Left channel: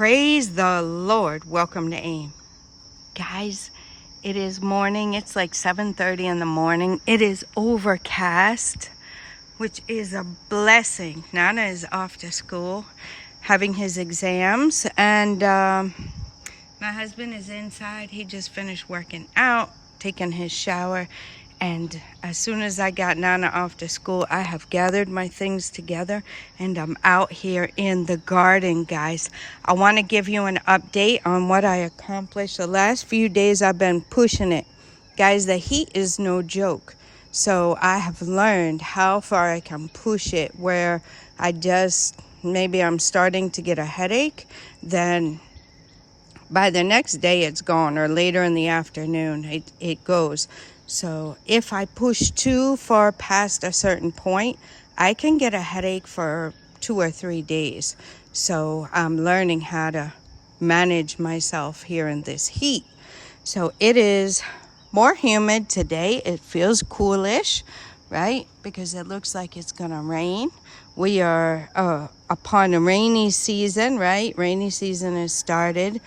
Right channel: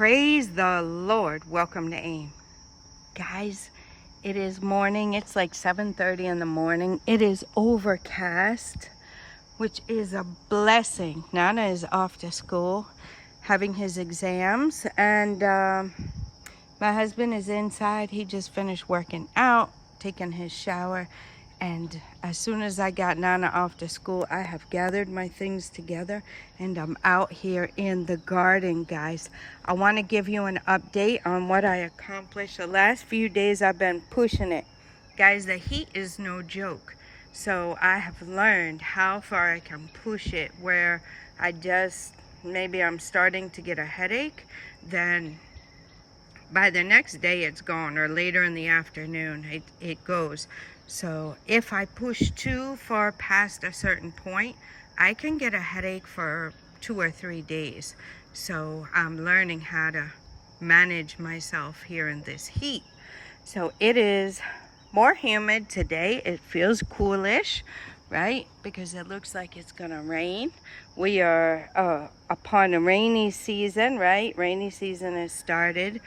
Praise the Lord. Welcome to AIM. Guys, it is morning. It's like 7:30 in the morning. It is overcast, which is a blessing. Nana is off to school, having his exams, and my husband is inside. He just finished working out, taking his shower, and as soon as I got Nana off to school, I have gathered my things together and I'm out here in the garden, guys. I want to give you an update on what I accomplished. The last few days I've been pushing it. Guys, the heat is no joke. So I have learned how far I can push it, where maybe I'm starting to get a headache, then by the next day it's gone, or later in the afternoon it goes. So if I push too far past a certain point, I can get a headache for 2 or 3 days. So I'm learning how to manage myself here in this heat. So it is more humid today. It feels coolish, right? Because it looks like it's gonna rain. We are upon a rainy season, right? Rainy season has started.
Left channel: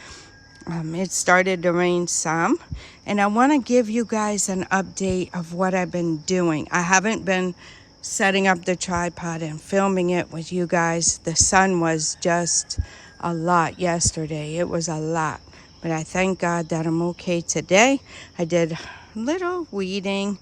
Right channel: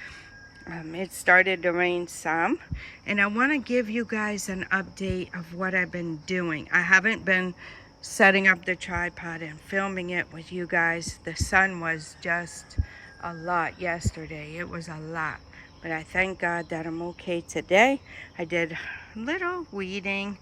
It started to rain some, and I want to give you guys an update of what I've been doing. I haven't been setting up the tripod and filming it with you guys. The sun was just a lot yesterday. It was a lot, but I thank God that I'm okay today. I did a little weeding.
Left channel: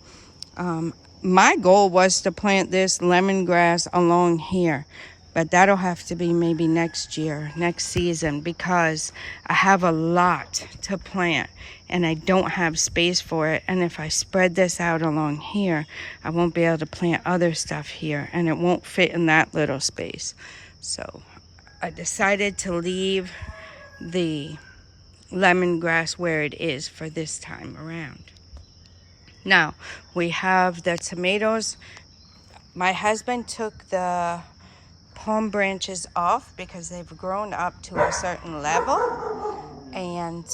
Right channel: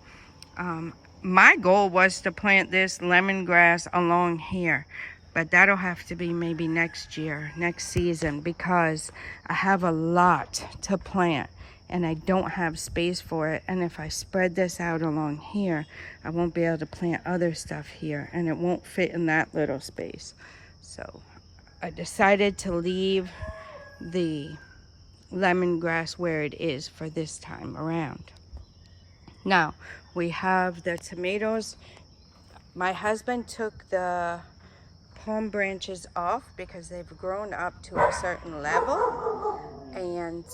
My goal was to plant this lemongrass along here, but that'll have to be maybe next year, next season, because I have a lot to plant and I don't have space for it. And if I spread this out along here, I won't be able to plant other stuff here, and it won't fit in that little space. So I decided to leave the lemongrass where it is for this time around. Now we have the tomatoes. My husband took the palm branches off because they've grown up to a certain level, and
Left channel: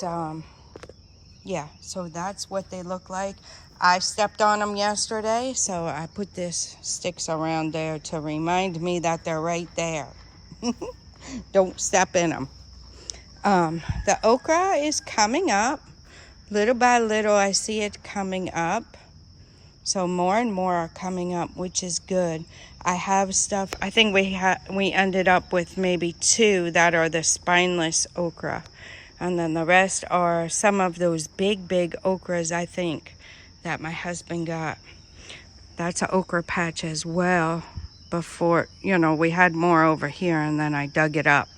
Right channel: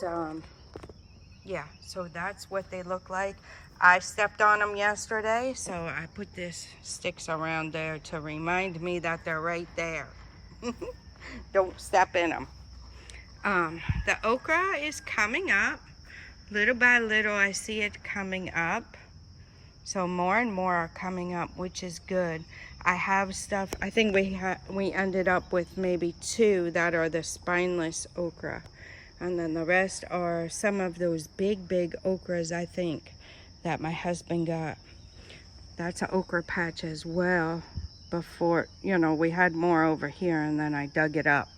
yeah, so that's what they look like. I stepped on them yesterday, so I put this sticks around there to remind me that they're right there. Don't step in them. The okra is coming up little by little. I see it coming up, so more and more are coming up, which is good. I have stuff. I think we ended up with maybe 2 that are the spineless okra, and then the rest are some of those big okras, I think, that my husband got. That's an okra patch as well. Before, we had more over here, and then I dug it up,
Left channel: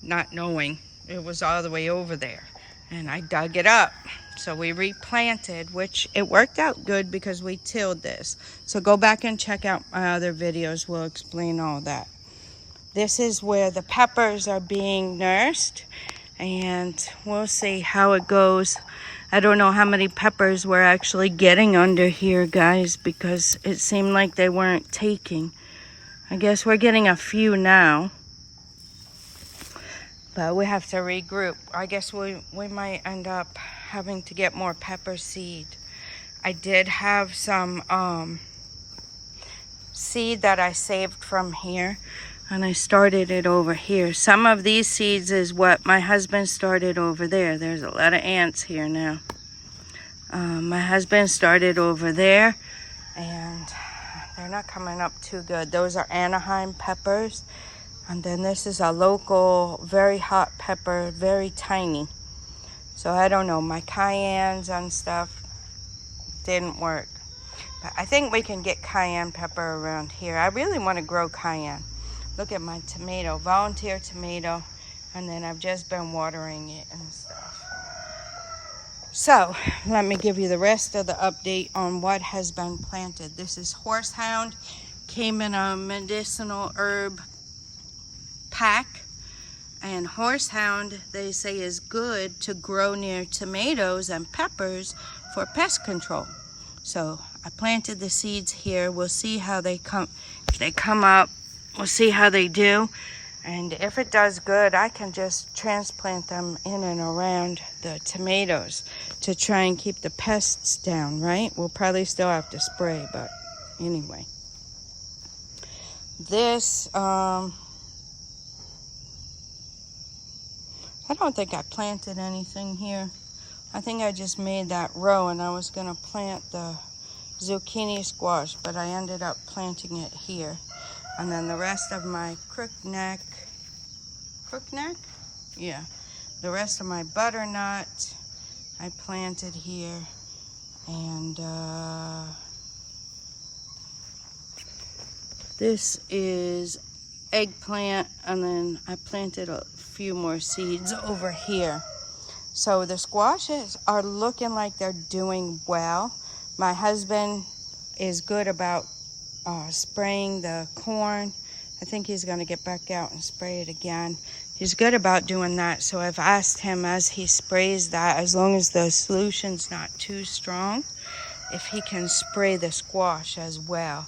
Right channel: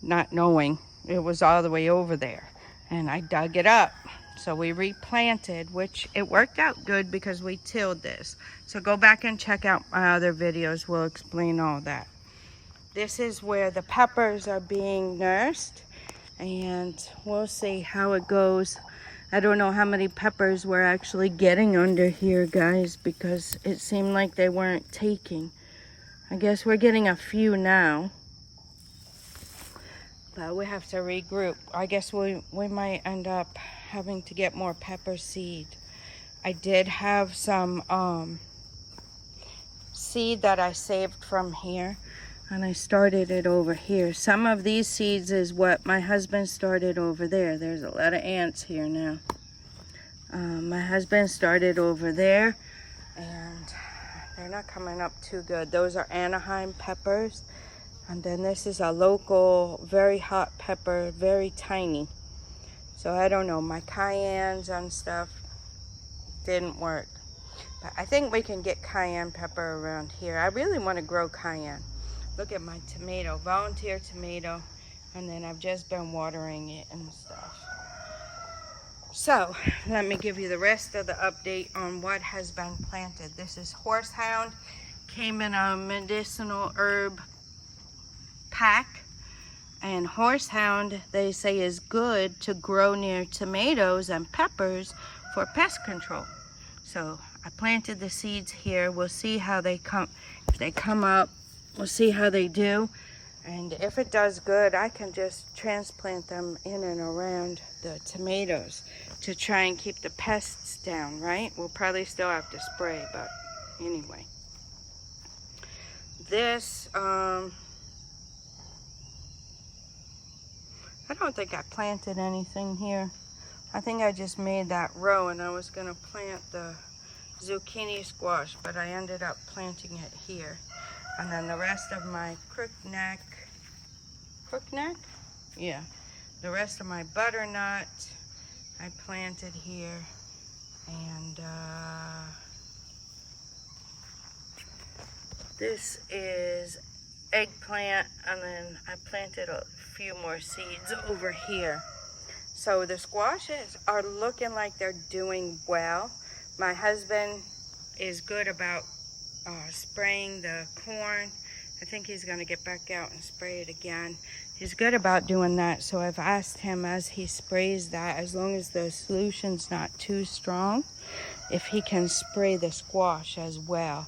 not knowing it was all the way over there, and I dug it up. So we replanted, which it worked out good because we tilled this. So go back and check out my other videos. We'll explain all that. This is where the peppers are being nursed, and we'll see how it goes. I don't know how many peppers we're actually getting under here, guys, because it seemed like they weren't taking. I guess we're getting a few now, but we have to regroup. I guess we might end up having to get more pepper seed. I did have some seed that I saved from here, and I started it over here. Some of these seeds is what my husband started over there. There's a lot of ants here now. My husband started over there, and they're not coming up too good. Those are Anaheim peppers, and then this is a local very hot pepper, very tiny. So I don't know, my cayennes and stuff didn't work. But I think we can get cayenne pepper around here. I really want to grow cayenne. Look at my tomato, volunteer tomato, and then I've just been watering it and stuff. So let me give you the rest of the update on what has been planted. This is horsehound, came in a medicinal herb pack. And horsehound, they say, is good to grow near tomatoes and peppers for pest control. So I planted the seeds here. We'll see how they come. If they come up, we'll see how they do. And if it does good, I can just transplant them in and around the tomatoes to try and keep the pests down, right? We'll probably still have to spray, but anyway. This I don't think I planted anything here. I think I just made that row, and I was gonna plant the zucchini squash, but I ended up planting it here. And then the rest of my crookneck? Yeah. The rest of my butternut I planted here. And this is eggplant, and then I planted a few more seeds over here. So the squashes are looking like they're doing well. My husband is good about spraying the corn. I think he's gonna get back out and spray it again. He's good about doing that. So I've asked him as he sprays that, as long as the solution's not too strong, if he can spray the squash as well,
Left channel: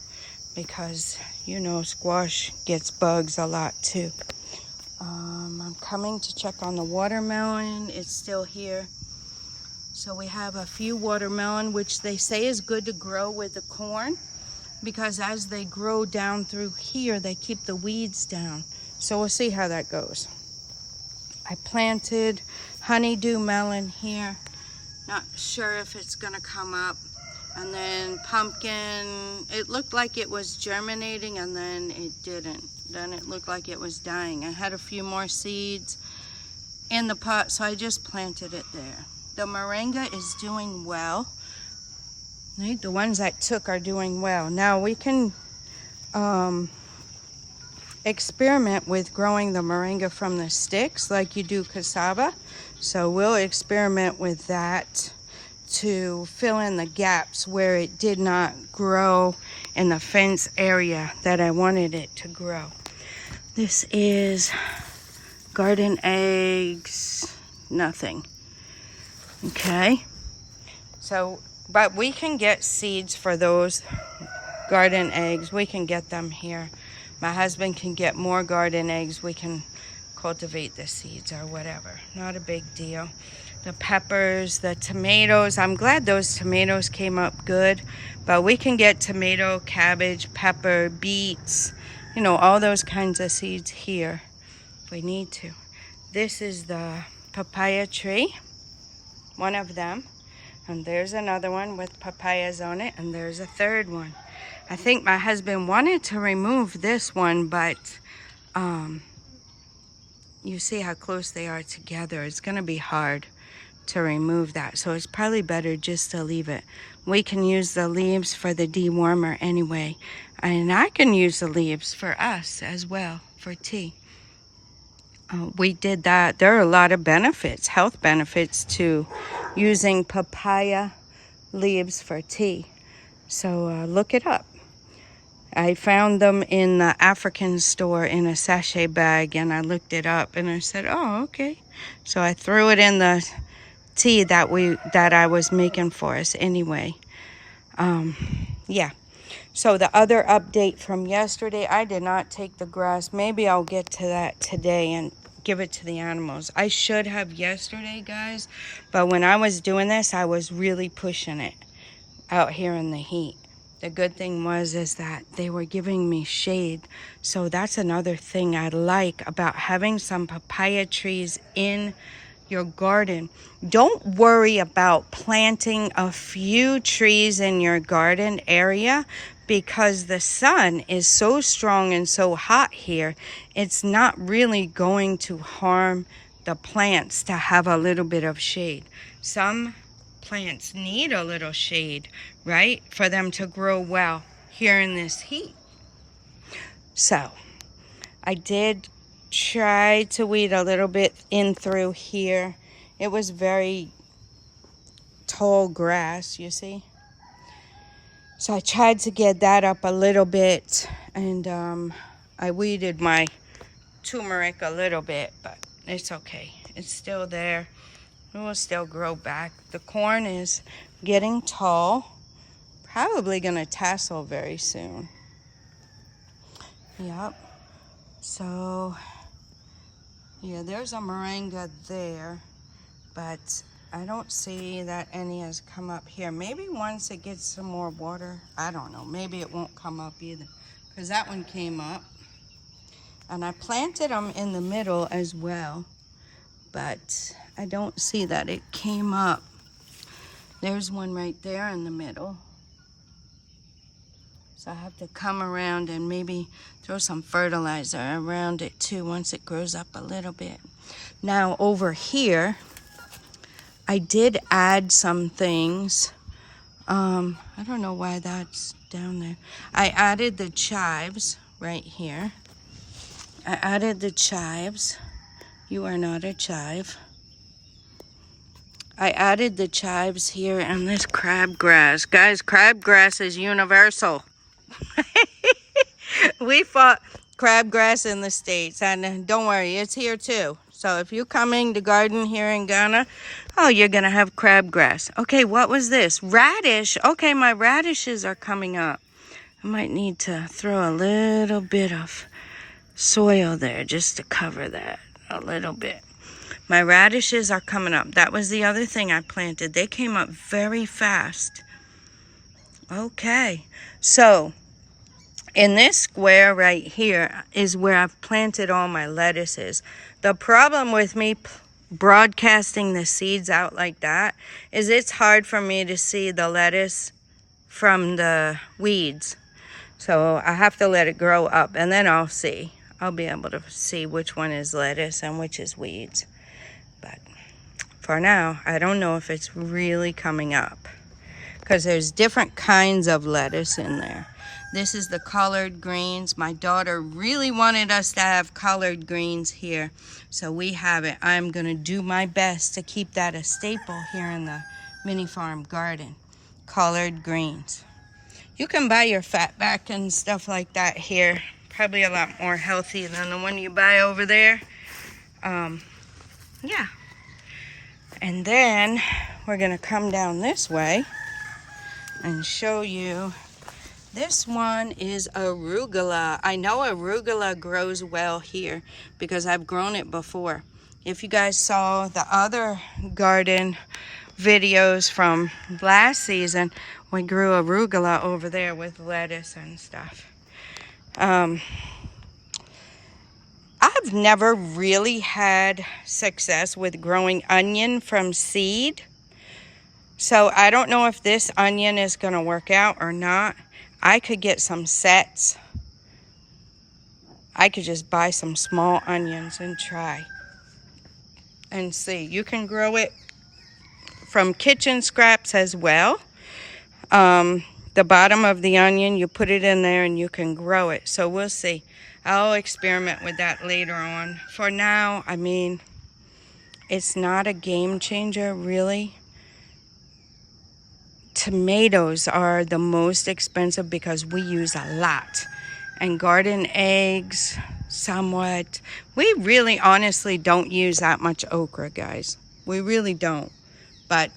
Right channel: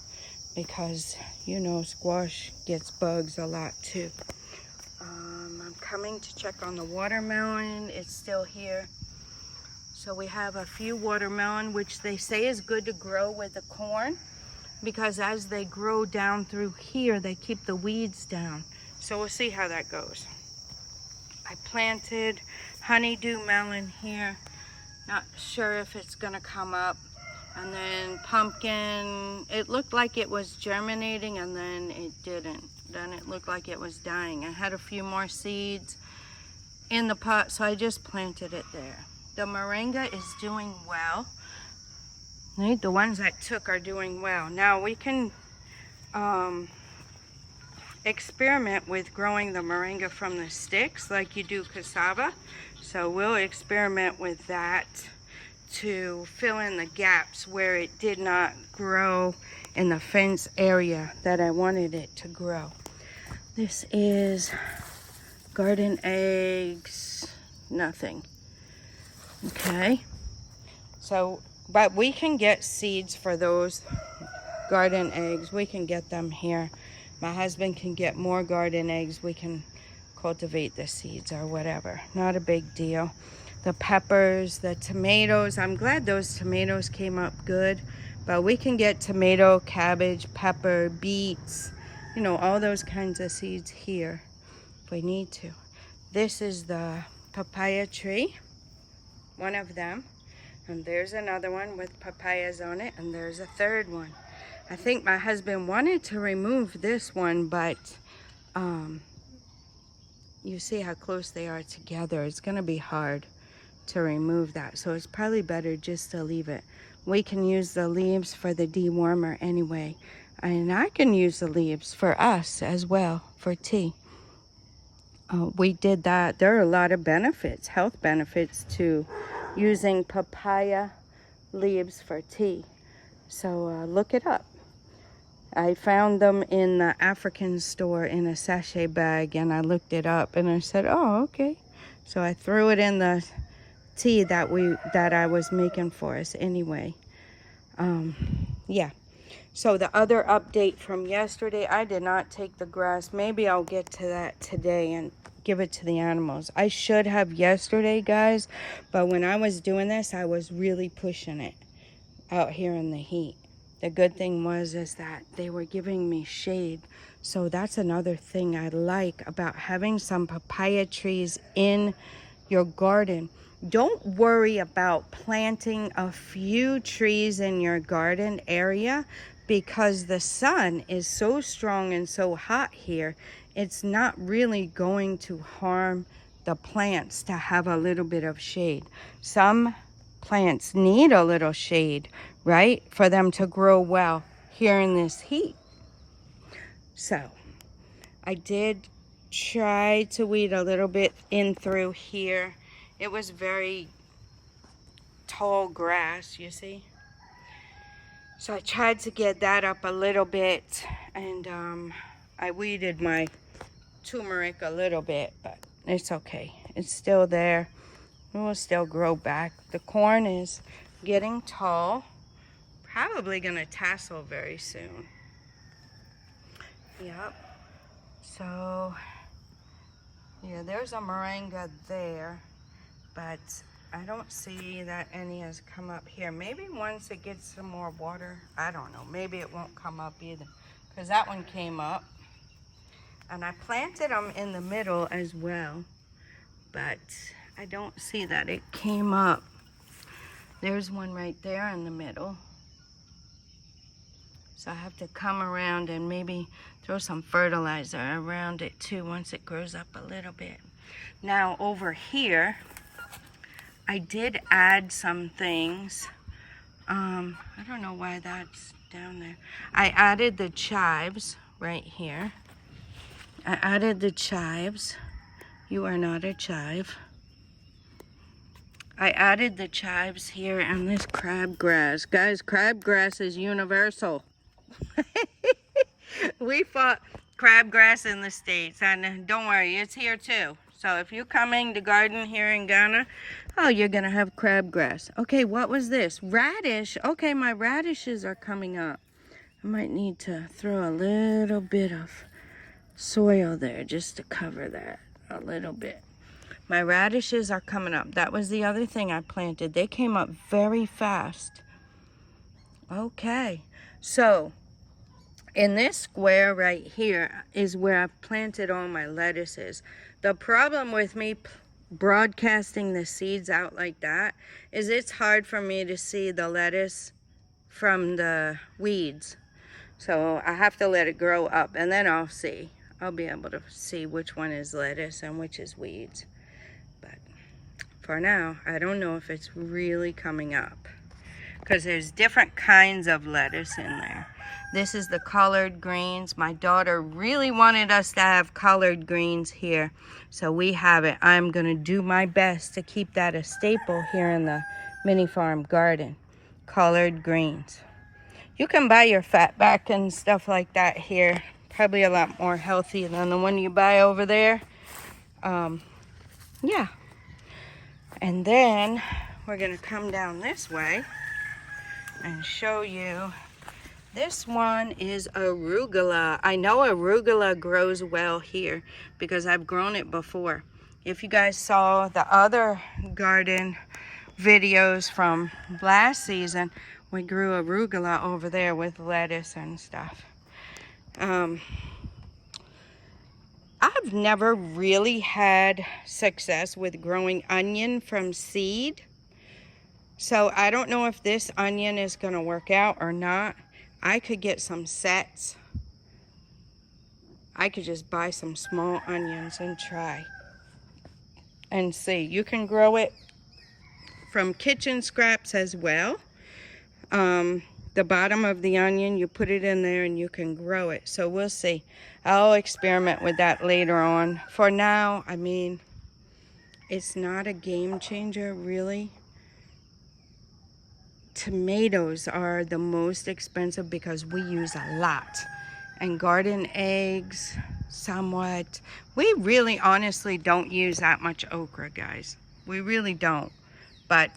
because you know squash gets bugs a lot too. I'm coming to check on the watermelon. It's still here. So we have a few watermelon, which they say is good to grow with the corn, because as they grow down through here, they keep the weeds down. So we'll see how that goes. I planted honeydew melon here. Not sure if it's gonna come up. And then pumpkin, it looked like it was germinating, and then it didn't. Then it looked like it was dying. I had a few more seeds in the pot, so I just planted it there. The moringa is doing well. Right? The ones that took are doing well. Now we can experiment with growing the moringa from the sticks like you do cassava. So we'll experiment with that to fill in the gaps where it did not grow in the fence area that I wanted it to grow. This is garden eggs, nothing. Okay, so, but we can get seeds for those garden eggs. We can get them here. My husband can get more garden eggs. We can cultivate the seeds or whatever. Not a big deal. The peppers, the tomatoes. I'm glad those tomatoes came up good. But we can get tomato, cabbage, pepper, beets, you know, all those kinds of seeds here if we need to. This is the papaya tree, one of them. And there's another one with papayas on it, and there's a third one. I think my husband wanted to remove this one, but you see how close they are together. It's gonna be hard to remove that, so it's probably better just to leave it. We can use the leaves for the dewormer anyway, and I can use the leaves for us as well for tea. We did that. There are a lot of benefits, health benefits to using papaya leaves for tea. So look it up. I found them in the African store in a sachet bag, and I looked it up and I said, oh, okay. So I threw it in the tea that I was making for us anyway. Yeah. So the other update from yesterday, I did not take the grass. Maybe I'll get to that today and give it to the animals. I should have yesterday, guys, but when I was doing this, I was really pushing it out here in the heat. The good thing is that they were giving me shade. So that's another thing I like about having some papaya trees in your garden. Don't worry about planting a few trees in your garden area, because the sun is so strong and so hot here. It's not really going to harm the plants to have a little bit of shade. Some plants need a little shade, right, for them to grow well here in this heat. So I did try to weed a little bit in through here. It was very tall grass, you see. So I tried to get that up a little bit, and I weeded my turmeric a little bit, but it's okay. It's still there. It will still grow back. The corn is getting tall. Probably gonna tassel very soon. Yep. So yeah, there's a moringa there, but I don't see that any has come up here. Maybe once it gets some more water, I don't know. Maybe it won't come up either, because that one came up. And I planted them in the middle as well, but I don't see that it came up. There's one right there in the middle. So I have to come around and maybe throw some fertilizer around it too once it grows up a little bit. Now over here, I did add some things. I don't know why that's down there. I added the chives right here. I added the chives. You are not a chive. I added the chives here and this crabgrass. Guys, crabgrass is universal. We fought crabgrass in the States, and don't worry, it's here too. So if you're coming to garden here in Ghana, oh, you're gonna have crabgrass. Okay, what was this? Radish. Okay, my radishes are coming up. I might need to throw a little bit of soil there just to cover that a little bit. My radishes are coming up. That was the other thing I planted. They came up very fast. Okay, so in this square right here is where I've planted all my lettuces. The problem with me broadcasting the seeds out like that is it's hard for me to see the lettuce from the weeds. So I have to let it grow up and then I'll see. I'll be able to see which one is lettuce and which is weeds. But for now, I don't know if it's really coming up because there's different kinds of lettuce in there. This is the collard greens. My daughter really wanted us to have collard greens here, so we have it. I'm gonna do my best to keep that a staple here in the MiniFarm garden. Collard greens. You can buy your fatback and stuff like that here. Probably a lot more healthy than the one you buy over there. Yeah. And then we're gonna come down this way and show you. This one is arugula. I know arugula grows well here because I've grown it before. If you guys saw the other garden videos from last season, we grew arugula over there with lettuce and stuff. I've never really had success with growing onion from seed. So I don't know if this onion is gonna work out or not. I could get some sets. I could just buy some small onions and try and see. You can grow it from kitchen scraps as well. The bottom of the onion, you put it in there and you can grow it. So we'll see. I'll experiment with that later on. For now, I mean, it's not a game changer really. Tomatoes are the most expensive because we use a lot. And garden eggs, somewhat. We really honestly don't use that much okra, guys. We really don't. But,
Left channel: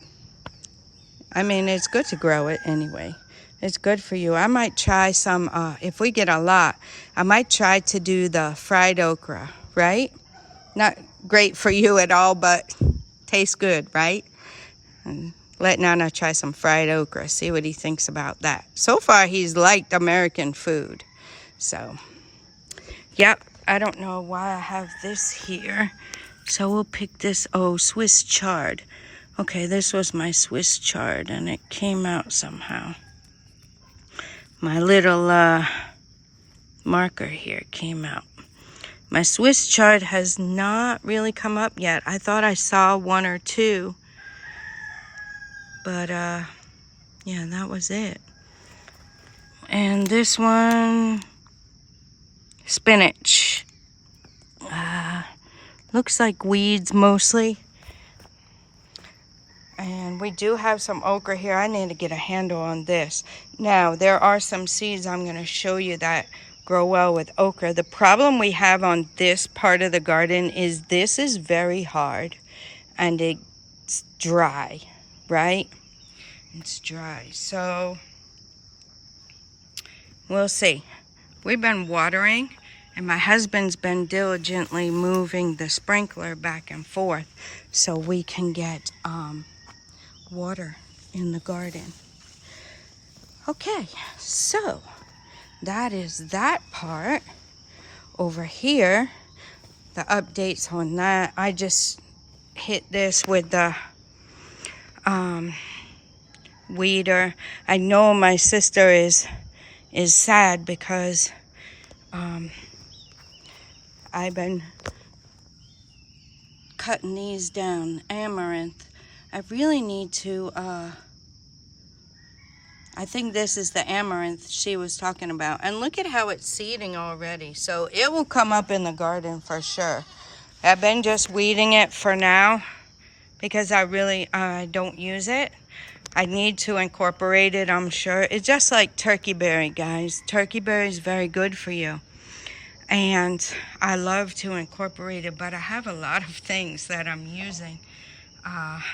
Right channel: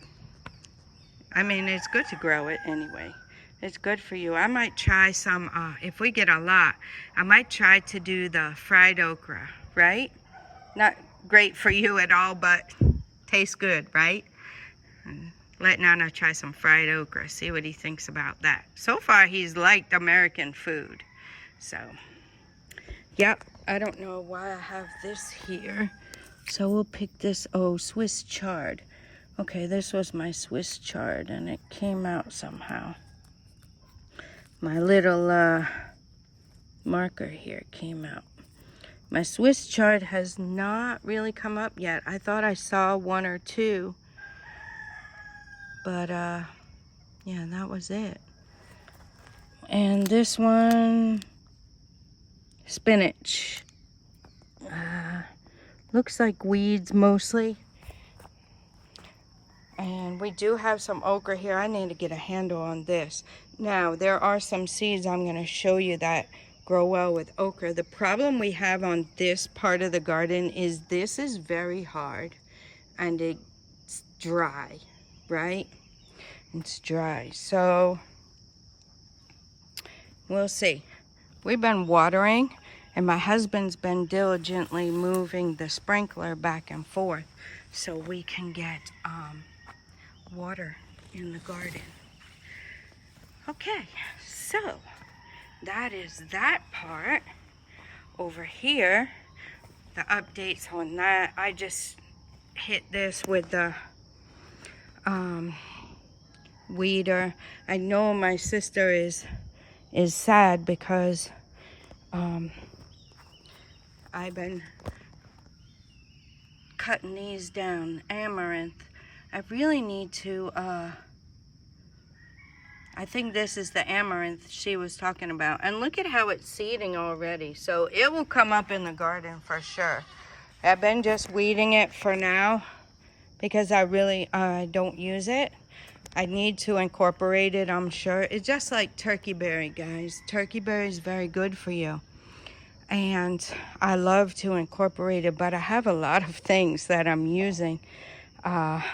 I mean, it's good to grow it anyway. It's good for you. I might try some, if we get a lot, I might try to do the fried okra, right? Not great for you at all, but tastes good, right? And let Nana try some fried okra, see what he thinks about that. So far, he's liked American food. So, yep, I don't know why I have this here. So we'll pick this, oh, Swiss chard. Okay, this was my Swiss chard, and it came out somehow. My little marker here came out. My Swiss chard has not really come up yet. I thought I saw one or two. But, yeah, that was it. And this one, spinach. Looks like weeds mostly. And we do have some okra here. I need to get a handle on this. Now, there are some seeds I'm going to show you that grow well with okra. The problem we have on this part of the garden is this is very hard and it's dry, right? It's dry, so we'll see. We've been watering, and my husband's been diligently moving the sprinkler back and forth so we can get water in the garden. Okay, so that is that part. Over here, the updates on that, I just hit this with the weeder. I know my sister is sad because I've been cutting these down. Amaranth. I really need to, I think this is the amaranth she was talking about. And look at how it's seeding already. So it will come up in the garden for sure. I've been just weeding it for now because I really don't use it. I need to incorporate it, I'm sure. It's just like turkey berry, guys. Turkey berry is very good for you. And I love to incorporate it, but I have a lot of things that I'm using,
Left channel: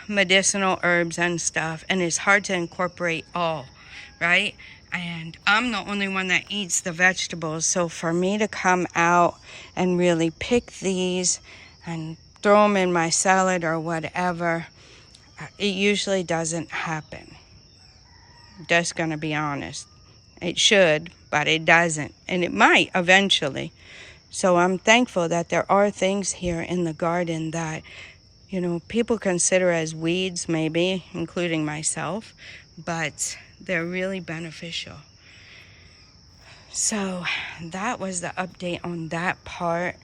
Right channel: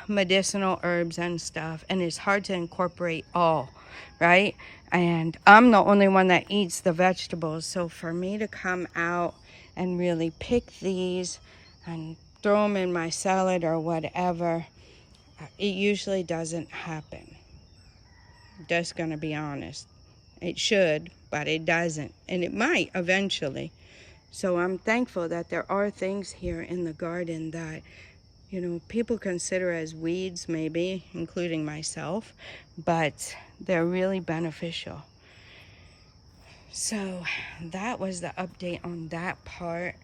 medicinal herbs and stuff, and it's hard to incorporate all, right? And I'm the only one that eats the vegetables, so for me to come out and really pick these and throw them in my salad or whatever, it usually doesn't happen. Just gonna be honest. It should, but it doesn't, and it might eventually. So I'm thankful that there are things here in the garden that, you know, people consider as weeds, maybe, including myself, but they're really beneficial. So that was the update on that part.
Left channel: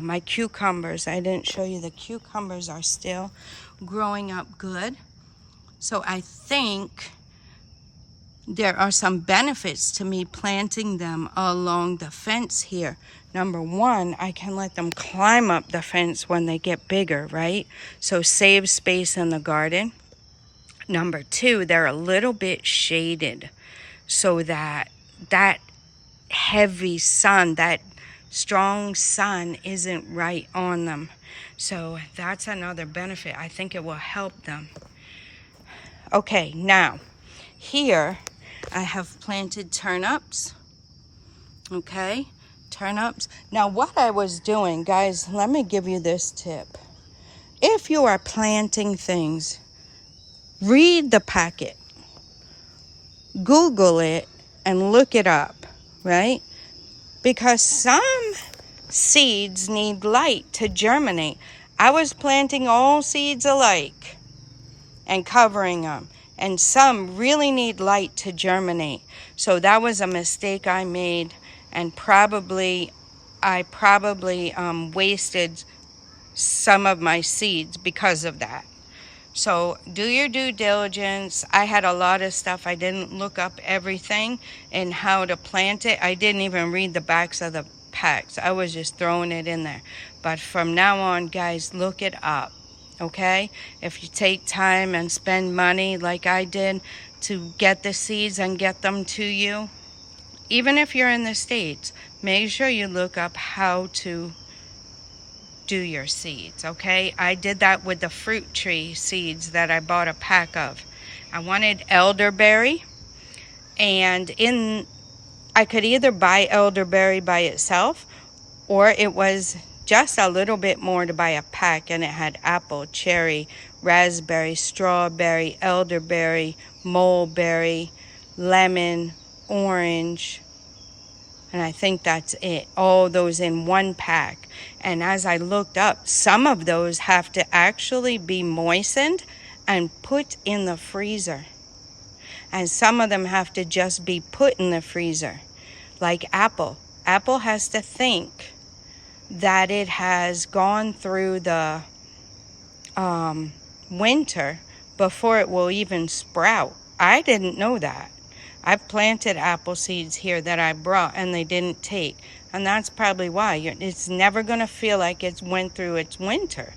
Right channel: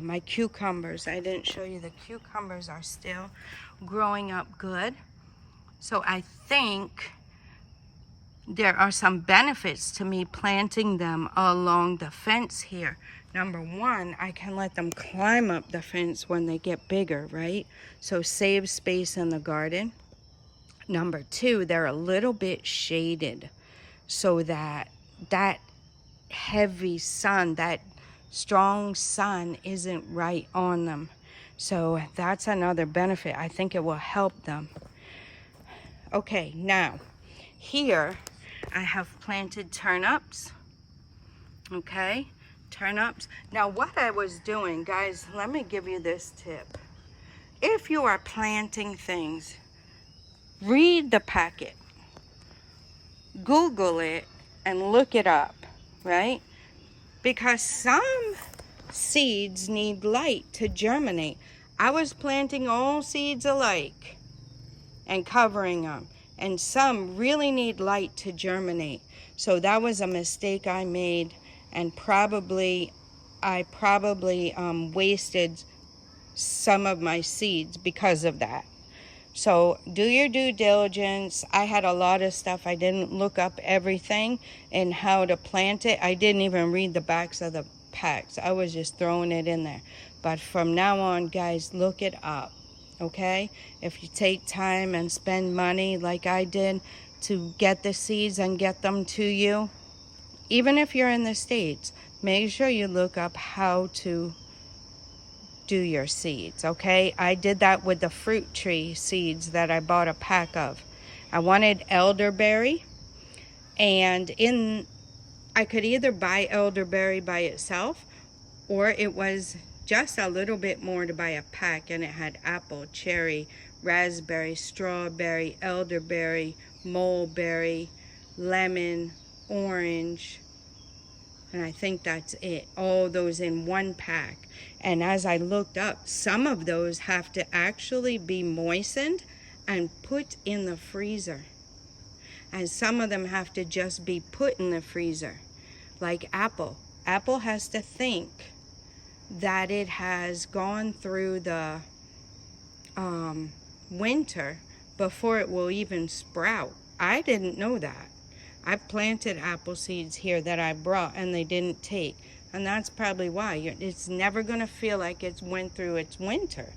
My cucumbers, I didn't show you, the cucumbers are still growing up good. So I think there are some benefits to me planting them along the fence here. Number one, I can let them climb up the fence when they get bigger, right? So save space in the garden. Number two, they're a little bit shaded so that that heavy sun, that strong sun isn't right on them. So that's another benefit. I think it will help them. Okay, now here I have planted turnips. Okay, turnips. Now what I was doing, guys, let me give you this tip. If you are planting things, read the packet, Google it, and look it up, right? Because some seeds need light to germinate. I was planting all seeds alike and covering them, and some really need light to germinate. So that was a mistake I made, and I probably wasted some of my seeds because of that. So do your due diligence. I had a lot of stuff. I didn't look up everything and how to plant it. I didn't even read the backs of the packs. I was just throwing it in there. But from now on, guys, look it up, okay? If you take time and spend money like I did to get the seeds and get them to you, even if you're in the States, make sure you look up how to do your seeds, okay? I did that with the fruit tree seeds that I bought a pack of. I wanted elderberry, and I could either buy elderberry by itself, or it was just a little bit more to buy a pack, and it had apple, cherry, raspberry, strawberry, elderberry, mulberry, lemon, orange, and I think that's it. All those in one pack. And as I looked up, some of those have to actually be moistened and put in the freezer. And some of them have to just be put in the freezer. Like apple. Apple has to think that it has gone through the winter before it will even sprout. I didn't know that. I've planted apple seeds here that I brought and they didn't take. And that's probably why. It's never going to feel like it's went through its winter,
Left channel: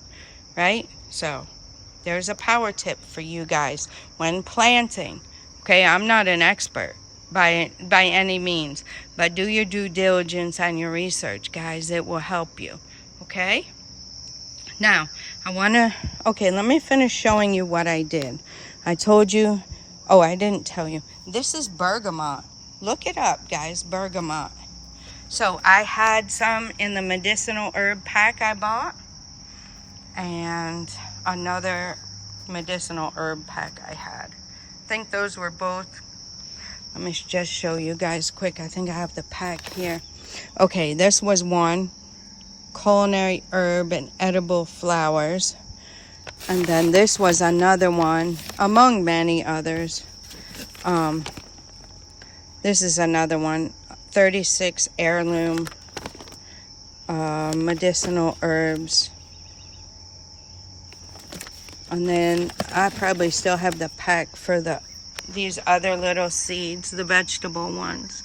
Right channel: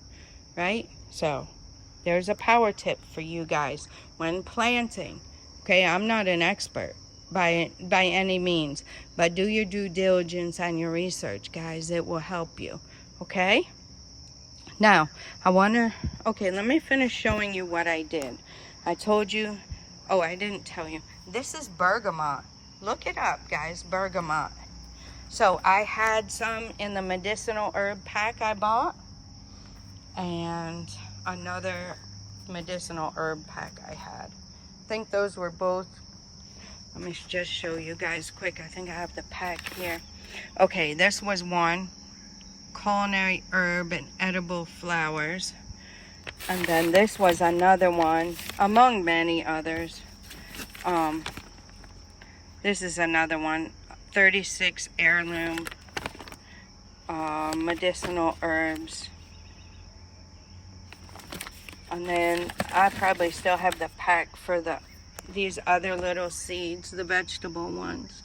right? So there's a power tip for you guys when planting. Okay, I'm not an expert by any means, but do your due diligence and your research, guys. It will help you, okay? Now, let me finish showing you what I did. I told you, I didn't tell you. This is bergamot. Look it up, guys, bergamot. So I had some in the medicinal herb pack I bought, and another medicinal herb pack I had. I think those were both. Let me just show you guys quick. I think I have the pack here. Okay, this was one. Culinary herb and edible flowers. And then this was another one, among many others. This is another one, 36 heirloom medicinal herbs. And then I probably still have the pack for these other little seeds, the vegetable ones.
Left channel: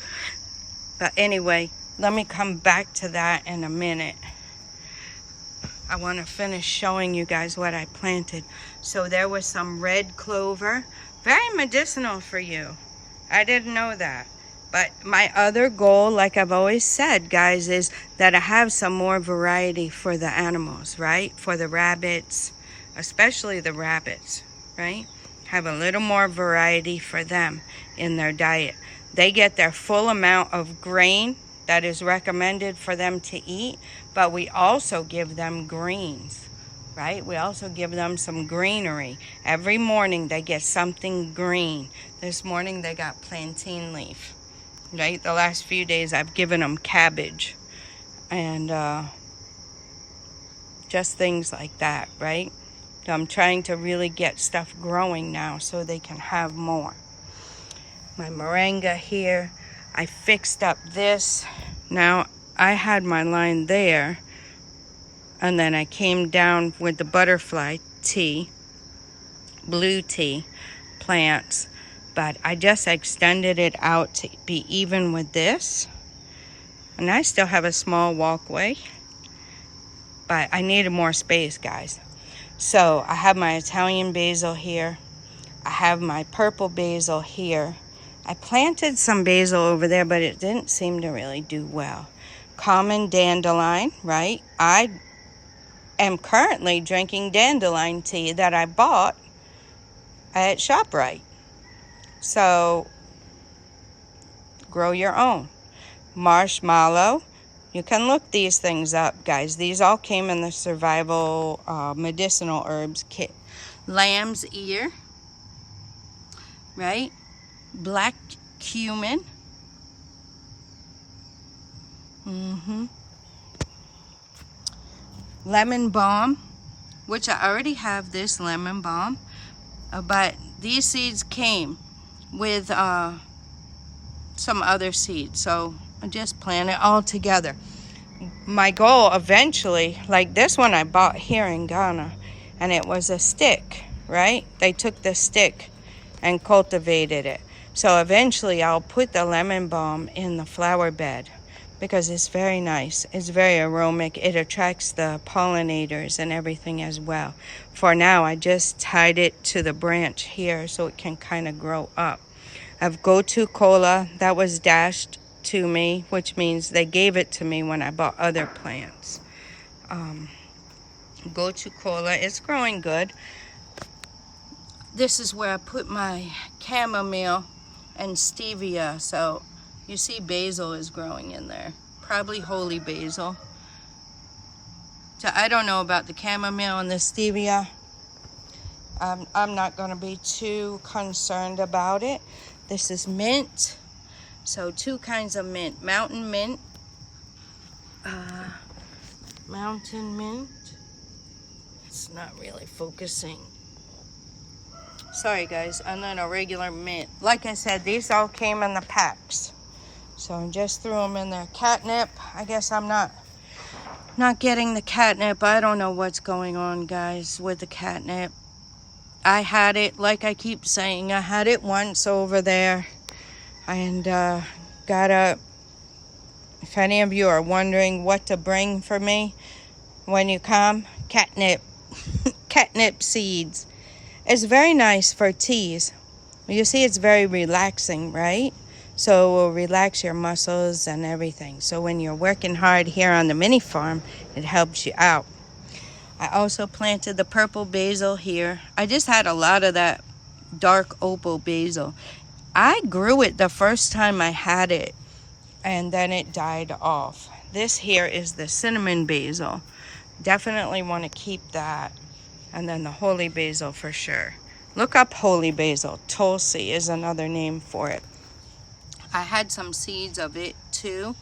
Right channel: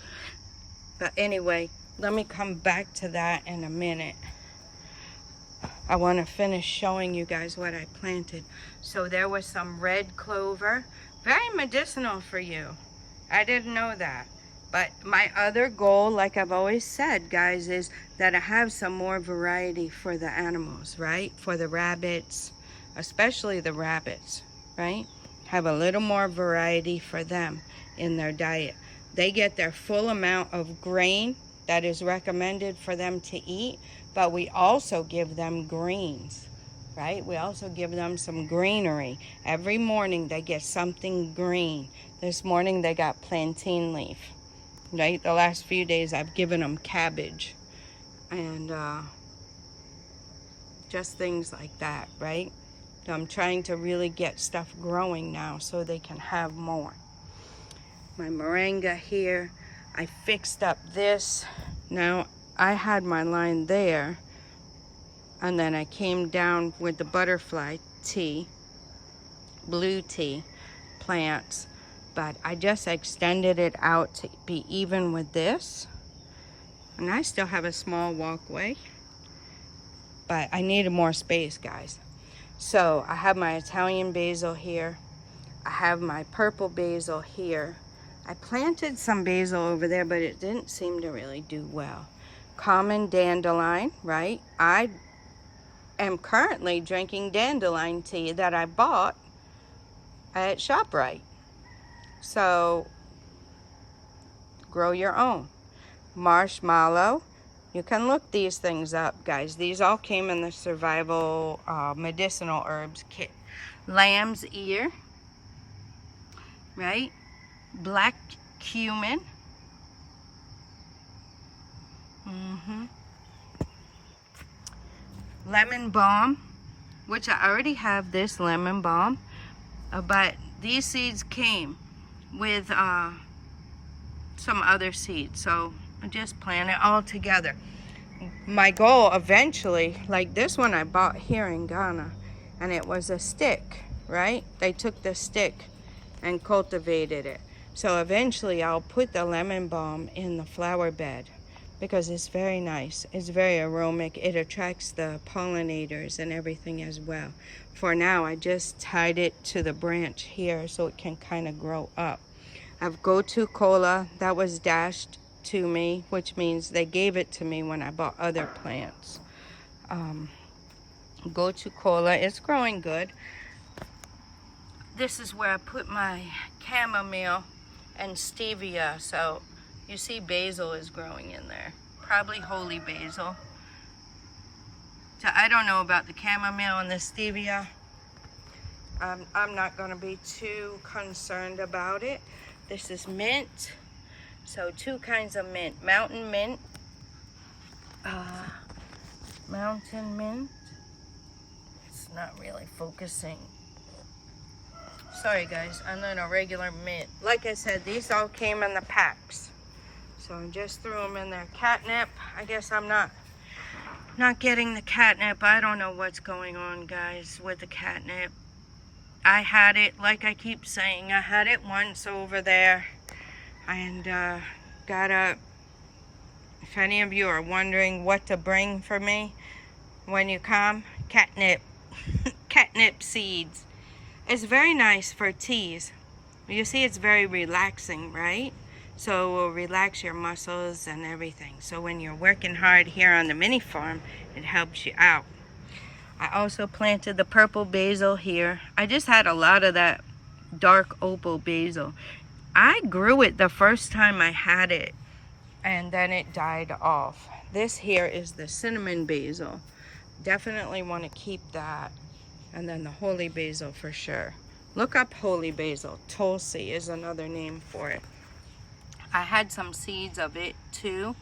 But anyway, let me come back to that in a minute. I want to finish showing you guys what I planted. So there was some red clover, very medicinal for you. I didn't know that. But my other goal, like I've always said, guys, is that I have some more variety for the animals, right? For the rabbits, especially the rabbits, right? Have a little more variety for them in their diet. They get their full amount of grain that is recommended for them to eat, but we also give them greens, right? We also give them some greenery. Every morning they get something green. This morning they got plantain leaf, right? The last few days I've given them cabbage and just things like that, right? I'm trying to really get stuff growing now so they can have more. My moringa here, I fixed up this. Now I had my line there, and then I came down with the butterfly tea, blue tea plants, but I just extended it out to be even with this. And I still have a small walkway, but I needed more space, guys. So I have my Italian basil here. I have my purple basil here. I planted some basil over there, but it didn't seem to really do well. Common dandelion, right? I am currently drinking dandelion tea that I bought at ShopRite. So grow your own. Marshmallow. You can look these things up, guys. These all came in the survival medicinal herbs kit. Lamb's ear, right? Black cumin. Lemon balm, which I already have this lemon balm, but these seeds came with some other seeds, so I just plant it all together. My goal eventually, like this one I bought here in Ghana, and it was a stick, right? They took the stick and cultivated it. So eventually I'll put the lemon balm in the flower bed because it's very nice. It's very aromatic. It attracts the pollinators and everything as well. For now, I just tied it to the branch here so it can kind of grow up. I have Gotu Kola that was dashed to me, which means they gave it to me when I bought other plants. Gotu Kola is growing good. This is where I put my chamomile and stevia. So you see basil is growing in there. Probably holy basil. So I don't know about the chamomile and the stevia. I'm not going to be too concerned about it. This is mint. So two kinds of mint. Mountain mint. Mountain mint. It's not really focusing. Sorry guys, and then a regular mint. Like I said, these all came in the packs. So I just threw them in there. Catnip, I guess I'm not getting the catnip. I don't know what's going on, guys, with the catnip. I had it, like I keep saying, I had it once over there. And if any of you are wondering what to bring for me when you come, catnip. Catnip seeds. It's very nice for teas. You see, it's very relaxing, right? So it will relax your muscles and everything. So when you're working hard here on the mini farm, it helps you out. I also planted the purple basil here. I just had a lot of that dark opal basil. I grew it the first time I had it, and then it died off. This here is the cinnamon basil. Definitely want to keep that. And then the holy basil for sure. Look up holy basil. Tulsi is another name for it. I had some seeds of it too,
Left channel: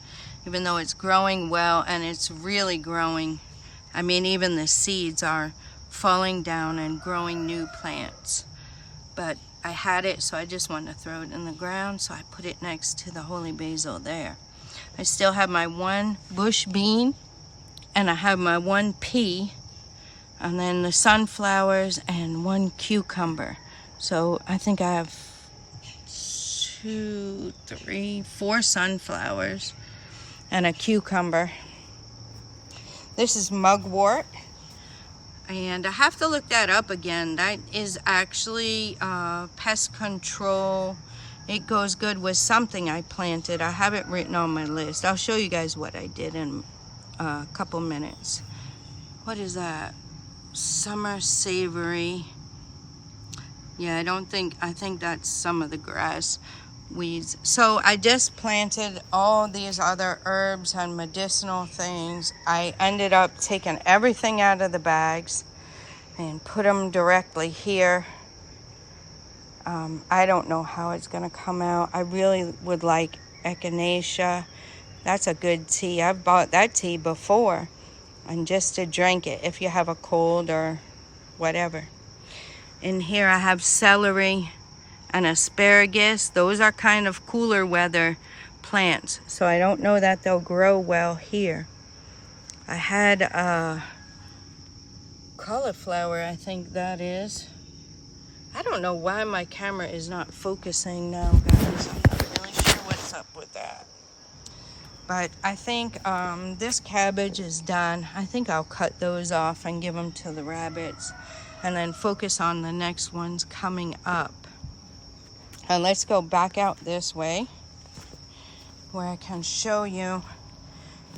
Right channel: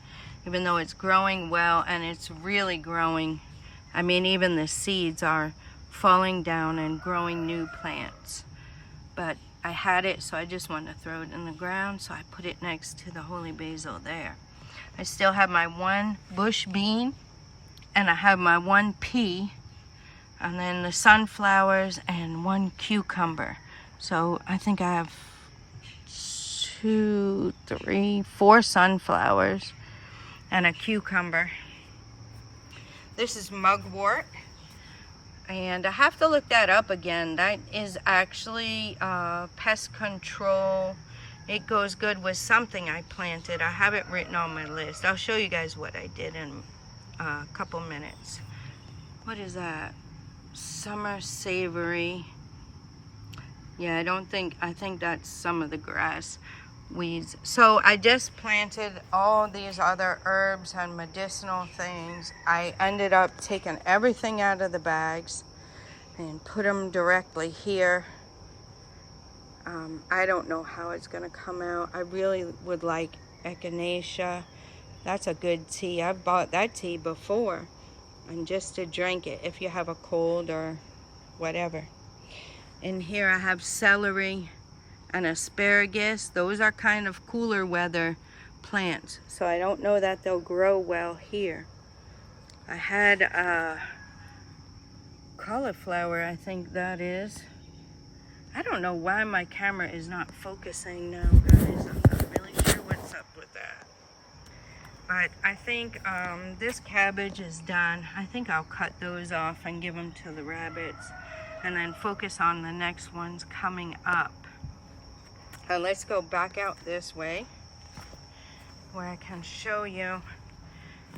even though it's growing well, and it's really growing. I mean, even the seeds are falling down and growing new plants. But I had it, so I just wanted to throw it in the ground, so I put it next to the holy basil there. I still have my one bush bean, and I have my one pea, and then the sunflowers and one cucumber. So I think I have 2, 3, 4 sunflowers and a cucumber. This is mugwort, and I have to look that up again. That is actually pest control. It goes good with something I planted. I have it written on my list. I'll show you guys what I did in a couple minutes. What is that? Summer savory. Yeah, I think that's some of the grass weeds. So I just planted all these other herbs and medicinal things. I ended up taking everything out of the bags and put them directly here. I don't know how it's gonna come out. I really would like echinacea. That's a good tea. I've bought that tea before, and just to drink it if you have a cold or whatever. In here I have celery and asparagus. Those are kind of cooler weather plants, so I don't know that they'll grow well here. I had cauliflower, I think that is. I don't know why my camera is not focusing now, guys. I'm not really sure what's up with that. But I think this cabbage is done. I think I'll cut those off and give them to the rabbits, and then focus on the next ones coming up. And let's go back out this way where I can show you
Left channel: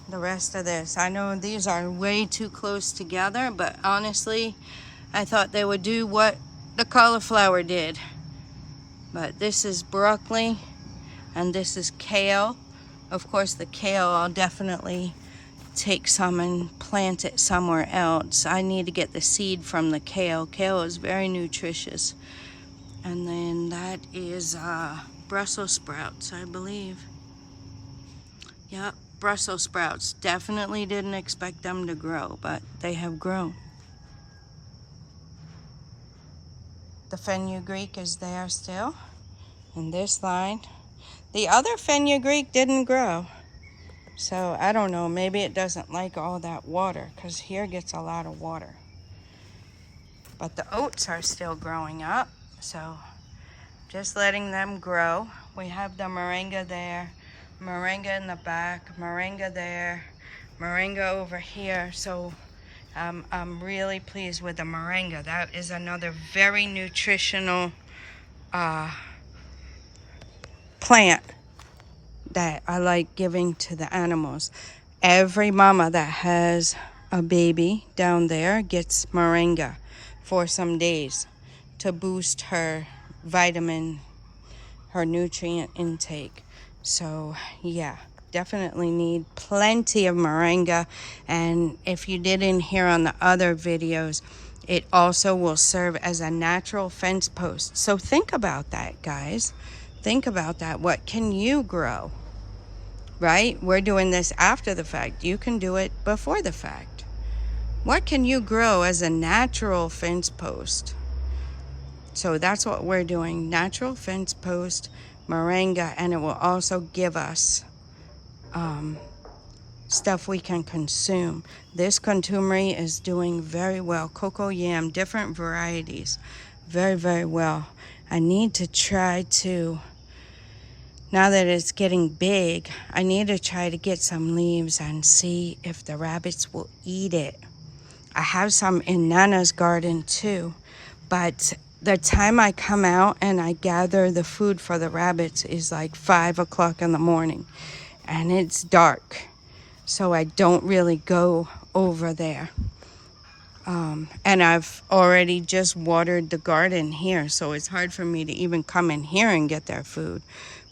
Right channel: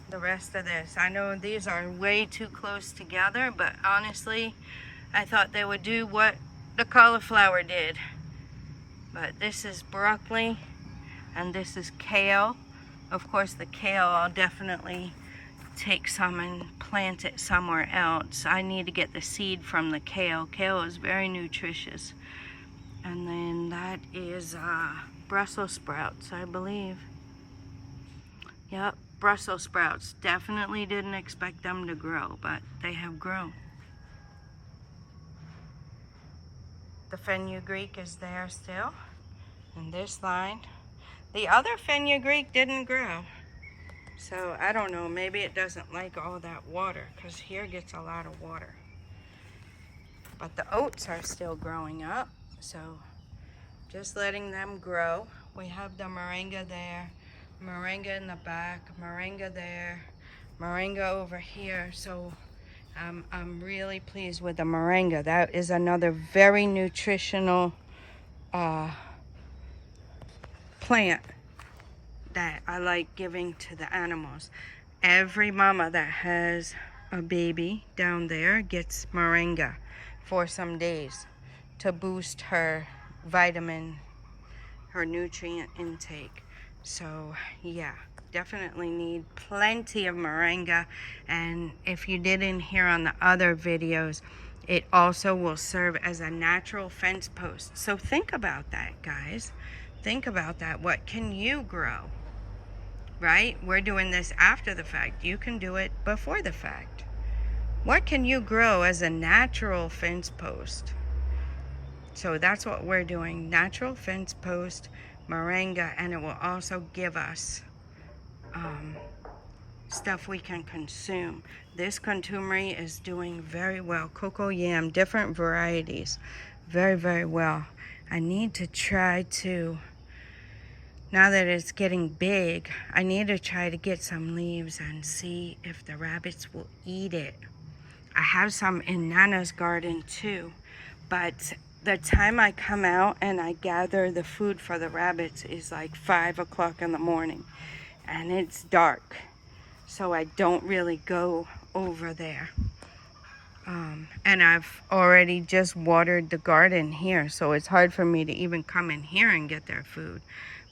the rest of this. I know these are way too close together, but honestly, I thought they would do what the cauliflower did. But this is broccoli, and this is kale. Of course, the kale, I'll definitely take some and plant it somewhere else. I need to get the seed from the kale. Kale is very nutritious. And then that is Brussels sprouts, I believe. Yep, Brussels sprouts. Definitely didn't expect them to grow, but they have grown. The fenugreek is there still in this line. The other fenugreek didn't grow. So I don't know, maybe it doesn't like all that water, because here gets a lot of water. But the oats are still growing up, so just letting them grow. We have the moringa there, moringa in the back, moringa there, moringa over here. So I'm really pleased with the moringa. That is another very nutritional plant that I like giving to the animals. Every mama that has a baby down there gets moringa for some days to boost her vitamin, her nutrient intake. So yeah, definitely need plenty of moringa. And if you didn't hear on the other videos, it also will serve as a natural fence post. So think about that, guys. Think about that. What can you grow? Right? We're doing this after the fact. You can do it before the fact. What can you grow as a natural fence post? So that's what we're doing. Natural fence post, moringa, and it will also give us stuff we can consume. This contumely is doing very well. Cocoa yam, different varieties. Very, very well. I need to try to, now that it's getting big, I need to try to get some leaves and see if the rabbits will eat it. I have some in Nana's garden too, but the time I come out and I gather the food for the rabbits is like 5 o'clock in the morning, and it's dark, so I don't really go over there. And I've already just watered the garden here, so it's hard for me to even come in here and get their food,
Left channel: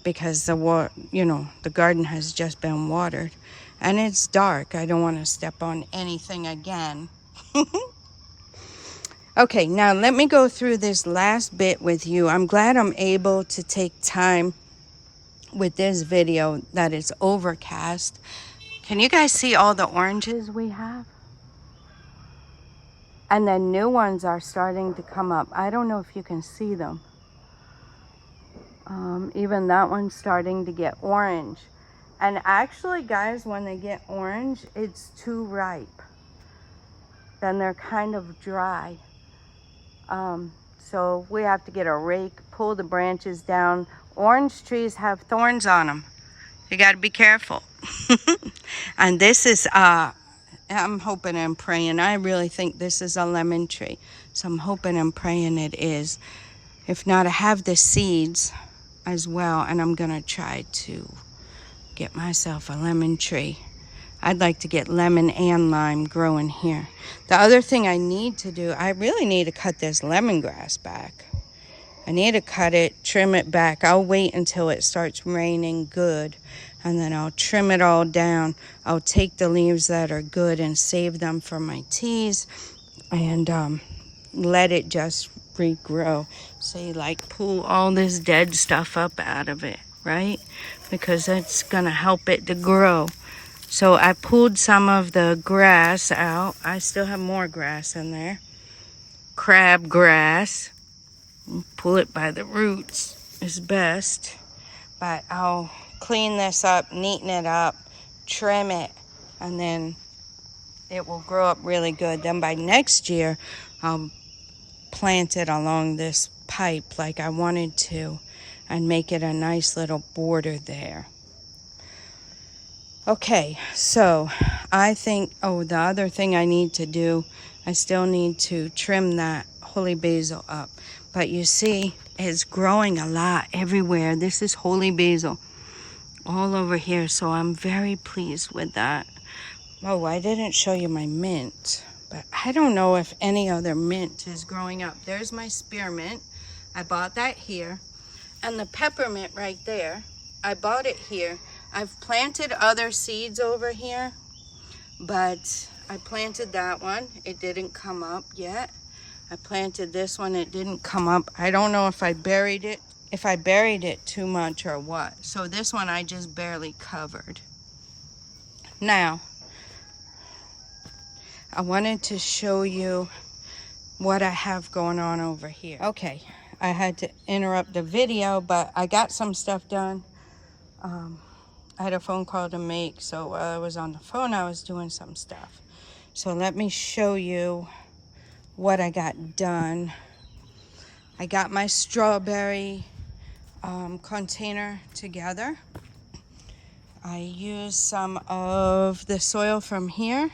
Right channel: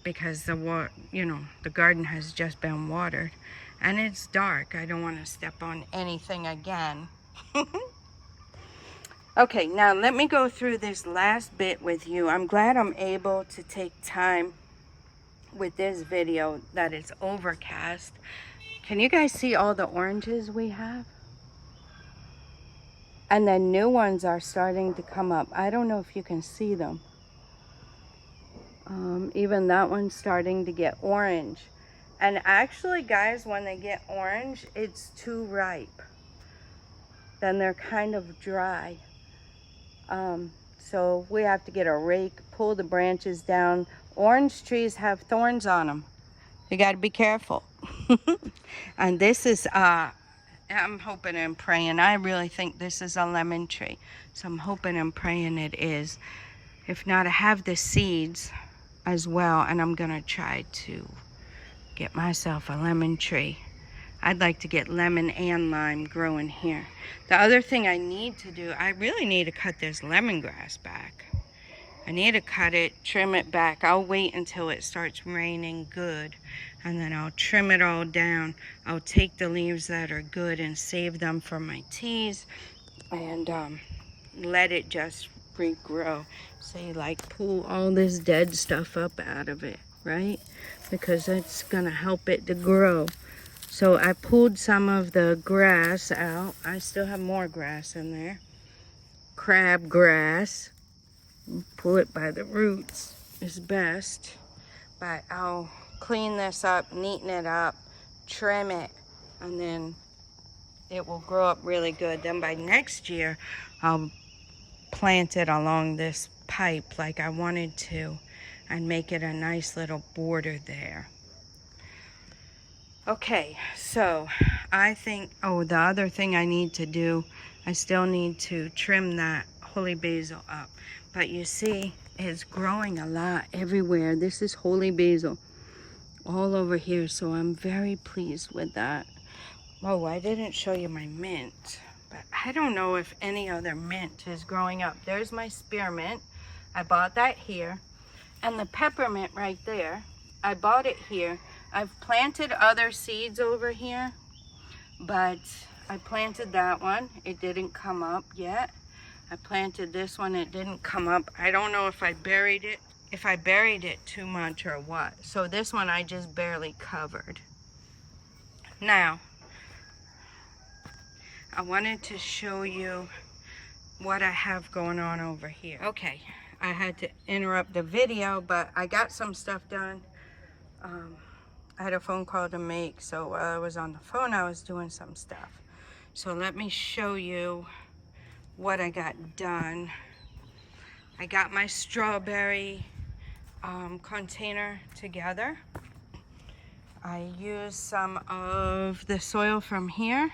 because the garden has just been watered, and it's dark. I don't want to step on anything again. Okay, now let me go through this last bit with you. I'm glad I'm able to take time with this video that it's overcast. Can you guys see all the oranges we have? And then new ones are starting to come up. I don't know if you can see them. Even that one's starting to get orange. And actually, guys, when they get orange, it's too ripe. Then they're kind of dry. So we have to get a rake, pull the branches down. Orange trees have thorns on them. You got to be careful. And this is, I'm hoping and praying. I really think this is a lemon tree. So I'm hoping and praying it is. If not, I have the seeds as well. And I'm going to try to get myself a lemon tree. I'd like to get lemon and lime growing here. The other thing I need to do, I really need to cut this lemongrass back. I need to cut it, trim it back. I'll wait until it starts raining good, and then I'll trim it all down. I'll take the leaves that are good and save them for my teas, and let it just regrow. Say, like, pull all this dead stuff up out of it, right? Because that's gonna help it to grow. So I pulled some of the grass out. I still have more grass in there. Crab grass. Pull it by the roots is best. But I'll clean this up, neaten it up, trim it, and then it will grow up really good. Then by next year, I'll plant it along this pipe like I wanted to and make it a nice little border there. Okay, so I think, the other thing I need to do, I still need to trim that holy basil up. But you see, it's growing a lot everywhere. This is holy basil all over here, so I'm very pleased with that. Oh, I didn't show you my mint, but I don't know if any other mint is growing up. There's my spearmint. I bought that here. And the peppermint right there, I bought it here. I've planted other seeds over here, but I planted that one. It didn't come up yet. I planted this one. It didn't come up. I don't know if I buried it too much or what. So this one I just barely covered. Now, I wanted to show you what I have going on over here. Okay, I had to interrupt the video, but I got some stuff done. I had a phone call to make, so while I was on the phone, I was doing some stuff. So let me show you what I got done. I got my strawberry container together. I used some of the soil from here,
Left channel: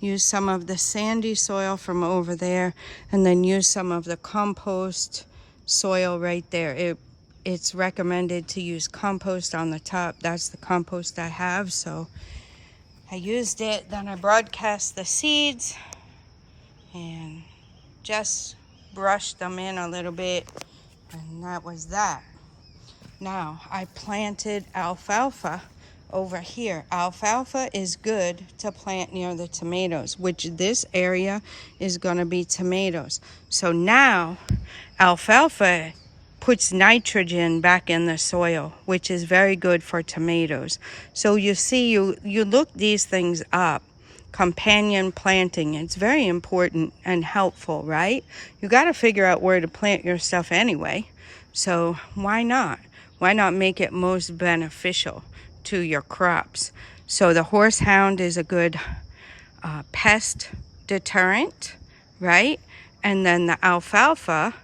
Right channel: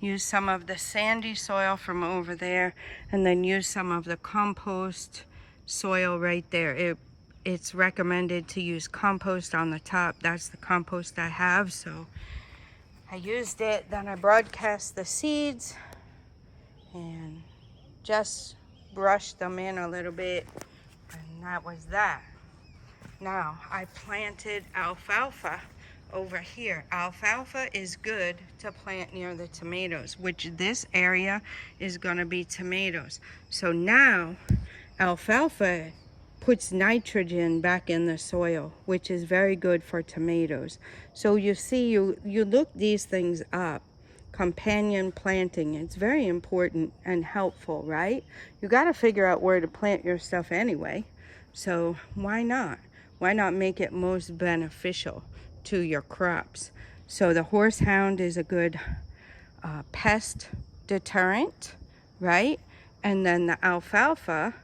used some of the sandy soil from over there, and then used some of the compost soil right there. It's recommended to use compost on the top. That's the compost I have, so I used it. Then I broadcast the seeds and just brushed them in a little bit, and that was that. Now I planted alfalfa over here. Alfalfa is good to plant near the tomatoes, which this area is going to be tomatoes. So now alfalfa puts nitrogen back in the soil, which is very good for tomatoes. So you see, you look these things up. Companion planting, it's very important and helpful, right? You got to figure out where to plant your stuff anyway. So why not? Why not make it most beneficial to your crops? So the horsehound is a good pest deterrent, right? And then the alfalfa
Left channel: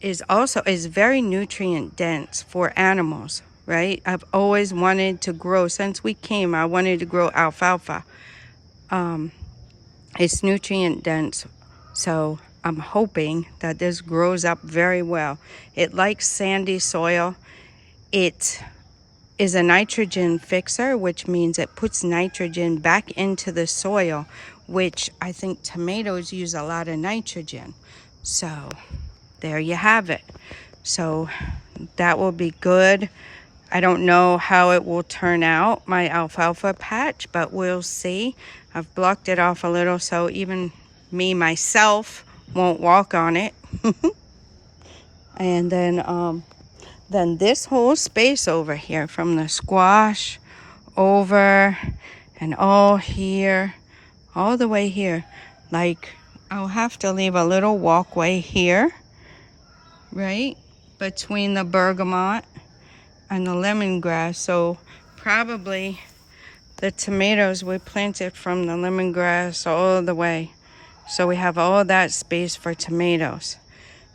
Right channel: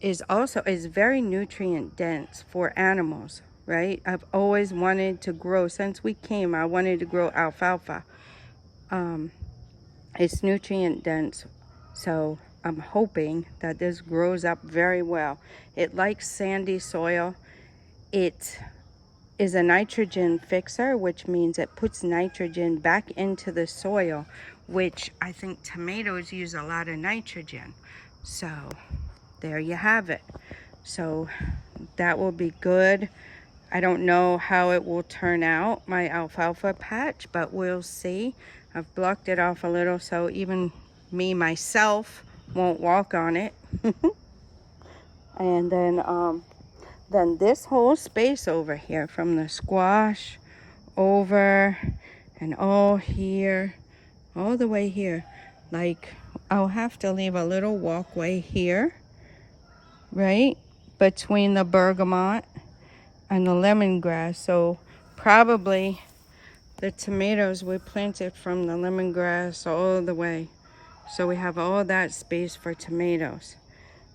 is very nutrient dense for animals, right? I've always wanted to grow, since we came, I wanted to grow alfalfa. It's nutrient dense, so I'm hoping that this grows up very well. It likes sandy soil. It is a nitrogen fixer, which means it puts nitrogen back into the soil, which I think tomatoes use a lot of nitrogen. So there you have it. So that will be good. I don't know how it will turn out, my alfalfa patch, but we'll see. I've blocked it off a little so even me, myself, won't walk on it. And then this whole space over here, from the squash over and all here, all the way here, like I'll have to leave a little walkway here, right, between the bergamot and the lemongrass. So probably the tomatoes we planted from the lemongrass all the way. So we have all that space for tomatoes.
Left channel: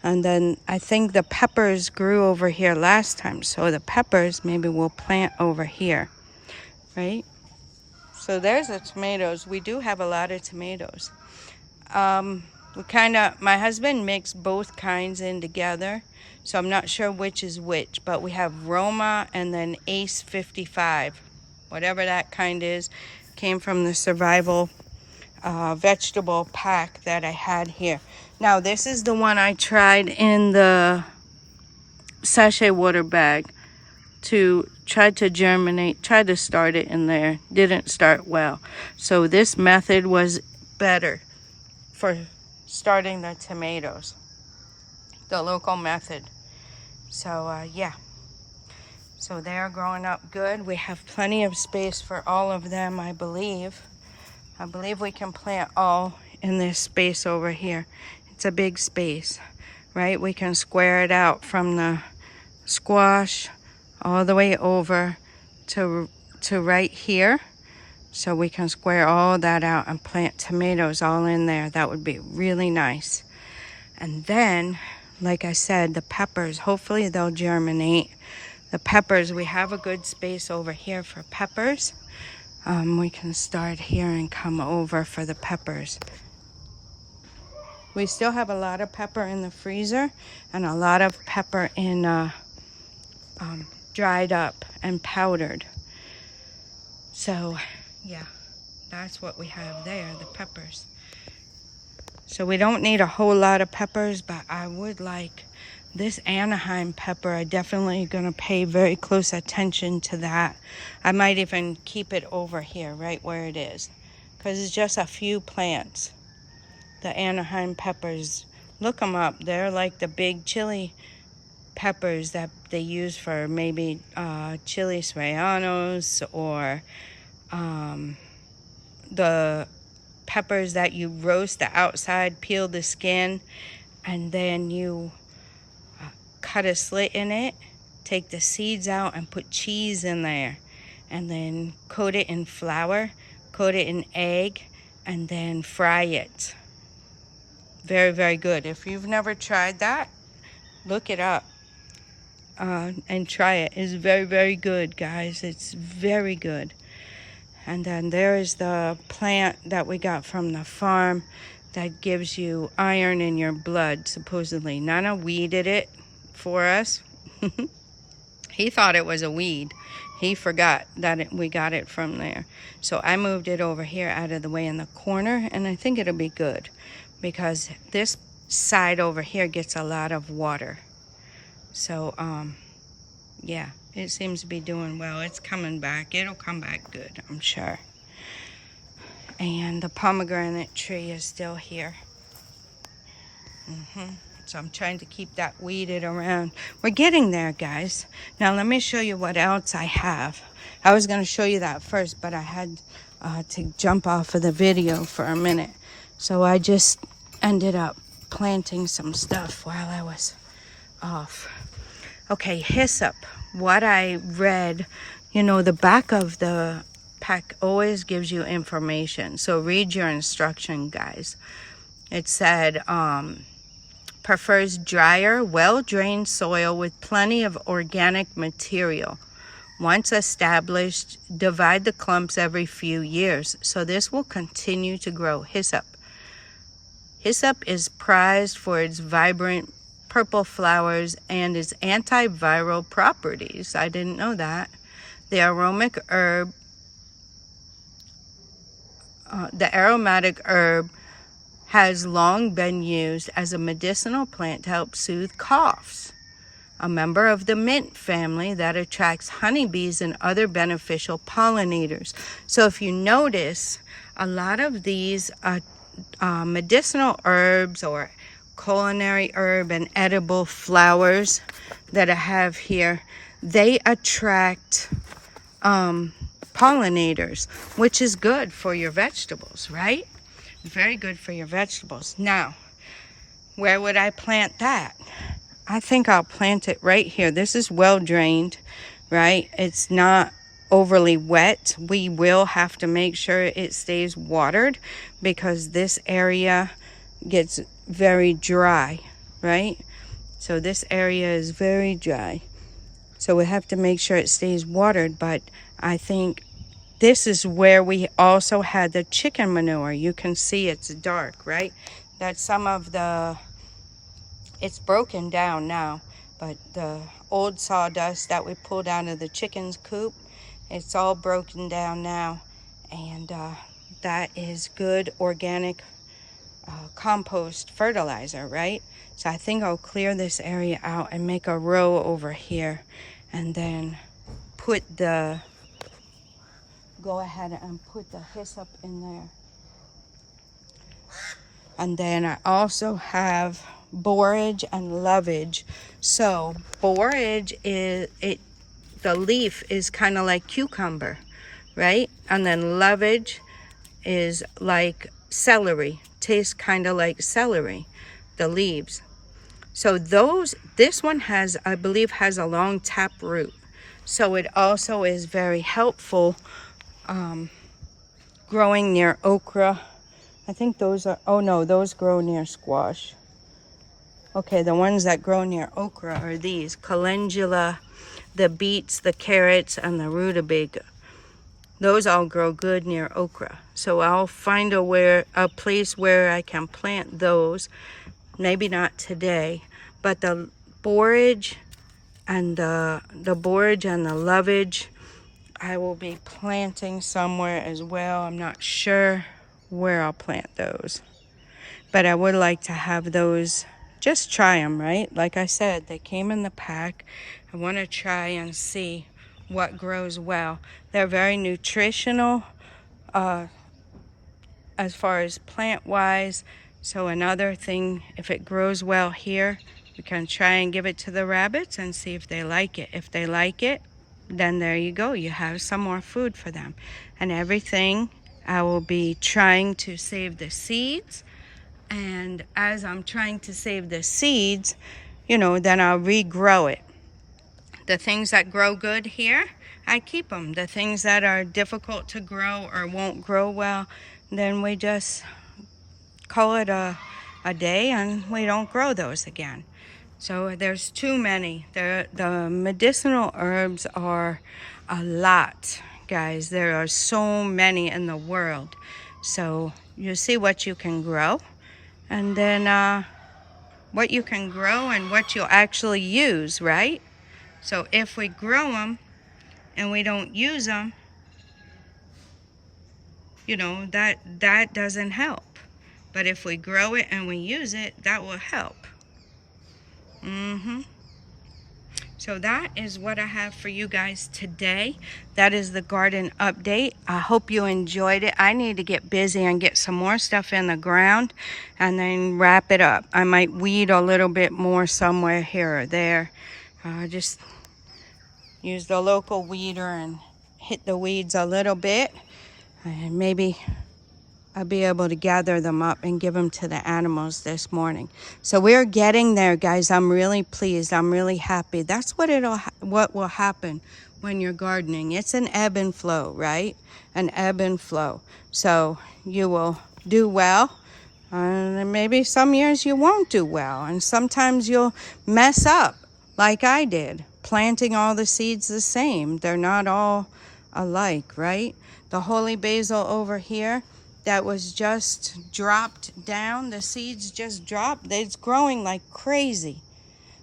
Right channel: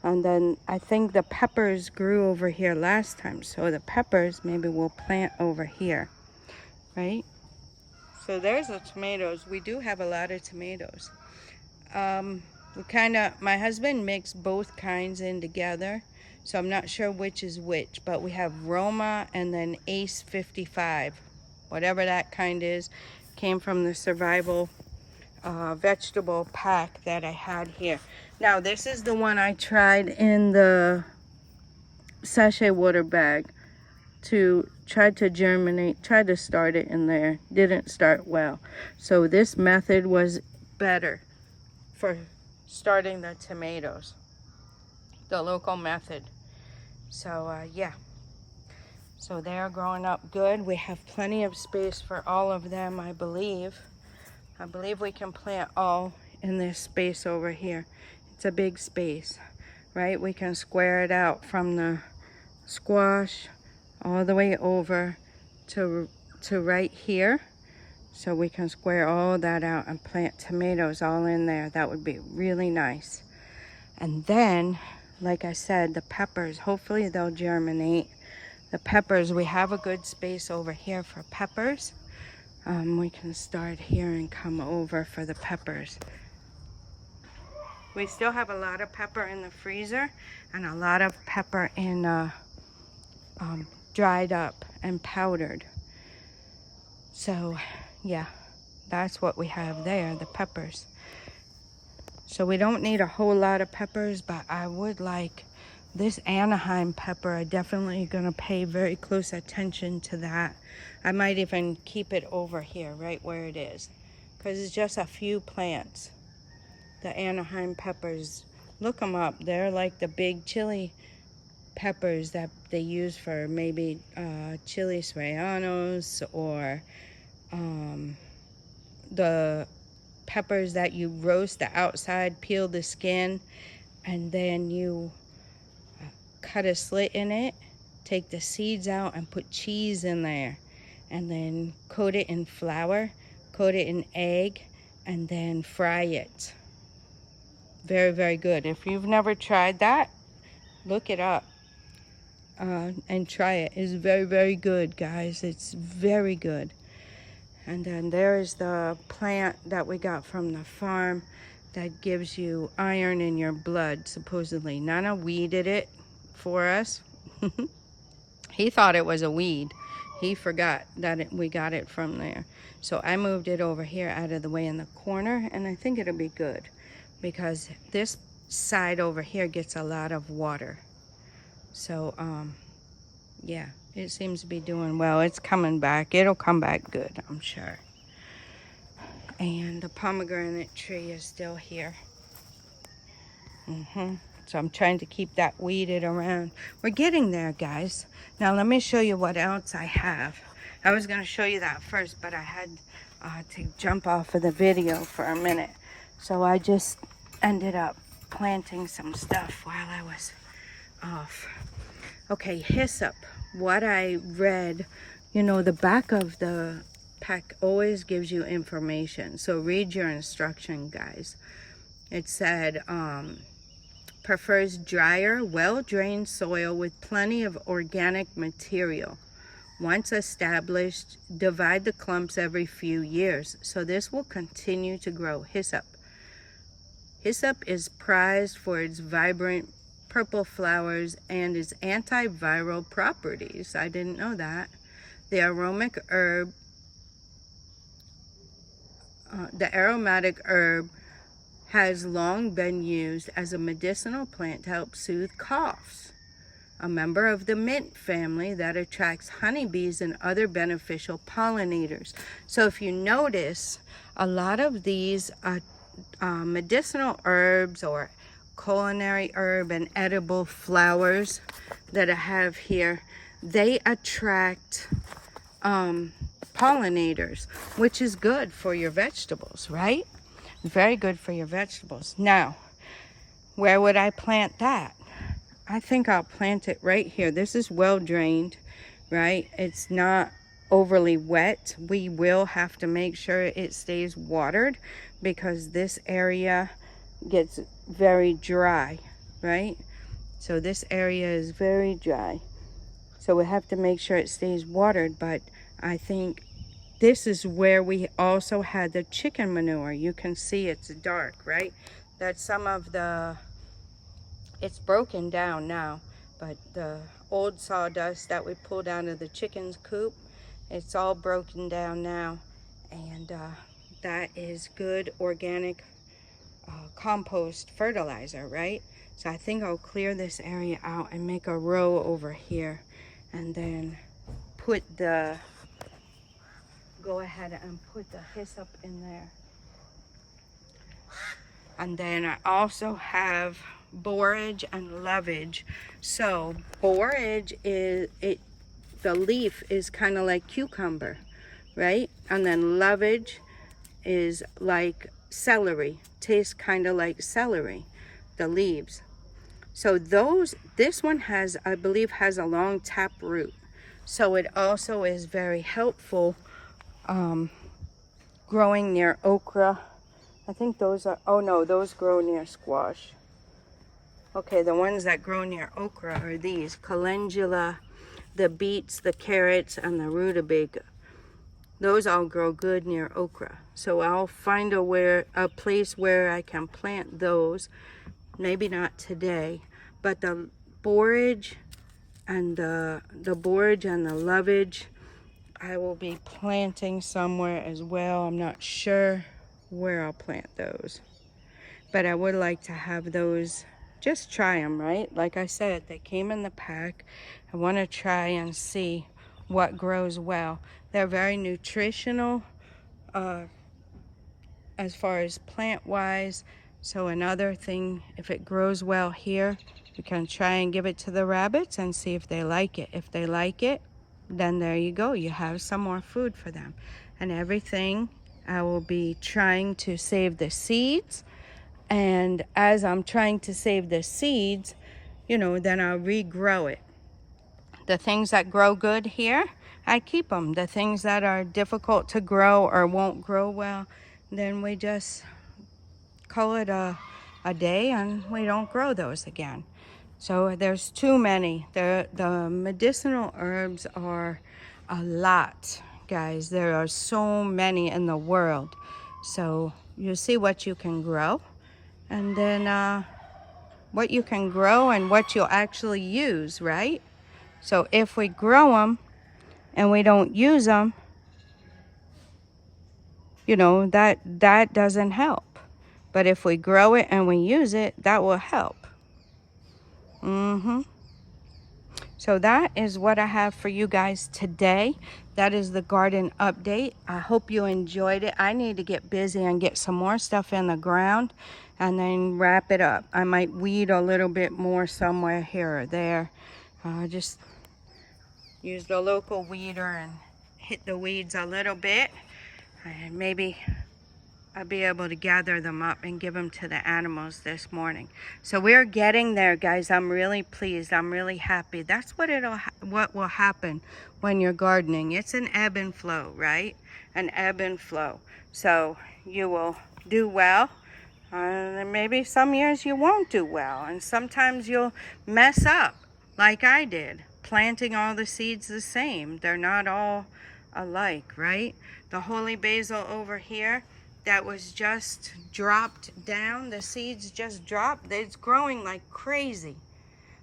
And then I think the peppers grew over here last time. So the peppers maybe we'll plant over here, right? So there's the tomatoes. We do have a lot of tomatoes. My husband mixed both kinds in together. So I'm not sure which is which, but we have Roma and then Ace 55. Whatever that kind is, came from the survival vegetable pack that I had here. Now this is the one I tried in the sachet water bag to try to germinate, tried to start it in there. Didn't start well. So this method was better for starting the tomatoes, the local method. So yeah, so they're growing up good. We have plenty of space for all of them, I believe. I believe we can plant all in this space over here. It's a big space, right? We can square it out from the squash all the way over to right here. So we can square all that out and plant tomatoes all in there. That would be really nice. And then, like I said, the peppers, hopefully they'll germinate. The peppers, we have a good space over here for peppers. We can start here and come over for the peppers. We still have a lot of pepper in the freezer and a lot of pepper in dried up and powdered. So yeah, that's what we have there, the peppers. So we don't need a whole lot of peppers, but I would like this Anaheim pepper. I'm definitely gonna pay very close attention to that. I might even keep it over here, right where it is, because it's just a few plants. The Anaheim peppers, look them up. They're like the big chili peppers that they use for maybe chili serranos, or the peppers that you roast the outside, peel the skin, and then you cut a slit in it, take the seeds out and put cheese in there, and then coat it in flour, coat it in egg, and then fry it. Very, very good. If you've never tried that, look it up and try it. It's very, very good, guys. It's very good. And then there is the plant that we got from the farm that gives you iron in your blood, supposedly. Nana weeded it for us. He thought it was a weed. He forgot that we got it from there. So I moved it over here out of the way in the corner, and I think it'll be good because this side over here gets a lot of water. So yeah, it seems to be doing well. It's coming back. It'll come back good, I'm sure. And the pomegranate tree is still here. So I'm trying to keep that weeded around. We're getting there, guys. Now let me show you what else I have. I was going to show you that first, but I had to jump off of the video for a minute. So I just ended up planting some stuff while I was off. Okay, hyssop. What I read, you know, the back of the pack always gives you information. So read your instruction, guys. It said, prefers drier, well-drained soil with plenty of organic material. Once established, divide the clumps every few years. So this will continue to grow. Hyssop. Hyssop is prized for its vibrant purple flowers and its antiviral properties. I didn't know that. The aromatic herb has long been used as a medicinal plant to help soothe coughs. A member of the mint family that attracts honeybees and other beneficial pollinators. So if you notice, a lot of these medicinal herbs or culinary herb and edible flowers that I have here, they attract pollinators, which is good for your vegetables, right? Very good for your vegetables. Now, where would I plant that? I think I'll plant it right here. This is well drained, right? It's not overly wet. We will have to make sure it stays watered because this area gets very dry, right? So this area is very dry. So we have to make sure it stays watered, but I think this is where we also had the chicken manure. You can see it's dark, right? That's some of the, it's broken down now, but the old sawdust that we pulled out of the chicken's coop, it's all broken down now. And that is good organic compost fertilizer, right? So I think I'll clear this area out and make a row over here and then go ahead and put the hyssop in there. And then I also have borage and lovage. So borage is, the leaf is kind of like cucumber, right? And then lovage is like celery, tastes kind of like celery, the leaves. So this one has, I believe, has a long tap root. So it also is very helpful growing near okra. I think those are, oh no, those grow near squash. Okay, the ones that grow near okra are these, calendula, the beets, the carrots, and the rutabaga. Those all grow good near okra. So I'll find a place where I can plant those. Maybe not today, but the borage and the lovage, I will be planting somewhere as well. I'm not sure where I'll plant those, but I would like to have those, just try them, right? Like I said, they came in the pack. I want to try and see what grows well. They're very nutritional as far as plant wise. So another thing, if it grows well here, we can try and give it to the rabbits and see if they like it. If they like it, then there you go. You have some more food for them. And everything, I will be trying to save the seeds. And as I'm trying to save the seeds, you know, then I'll regrow it. The things that grow good here, I keep them. The things that are difficult to grow or won't grow well, then we just call it a day and we don't grow those again. So there's too many. The medicinal herbs are a lot, guys. There are so many in the world. So you see what you can grow, and then what you can grow and what you'll actually use, right? So if we grow them and we don't use them, you know, that doesn't help. But if we grow it and we use it, that will help. So that is what I have for you guys today. That is the garden update. I hope you enjoyed it. I need to get busy and get some more stuff in the ground and then wrap it up. I might weed a little bit more somewhere here or there. Just use the local weeder and hit the weeds a little bit. And maybe I'll be able to gather them up and give them to the animals this morning. So we're getting there, guys. I'm really pleased. I'm really happy. That's what will happen when you're gardening. It's an ebb and flow, right? An ebb and flow. So you will do well. And maybe some years you won't do well. And sometimes you'll mess up like I did, planting all the seeds the same. They're not all alike, right? The holy basil over here, that was just dropped down. The seeds just dropped. It's growing like crazy.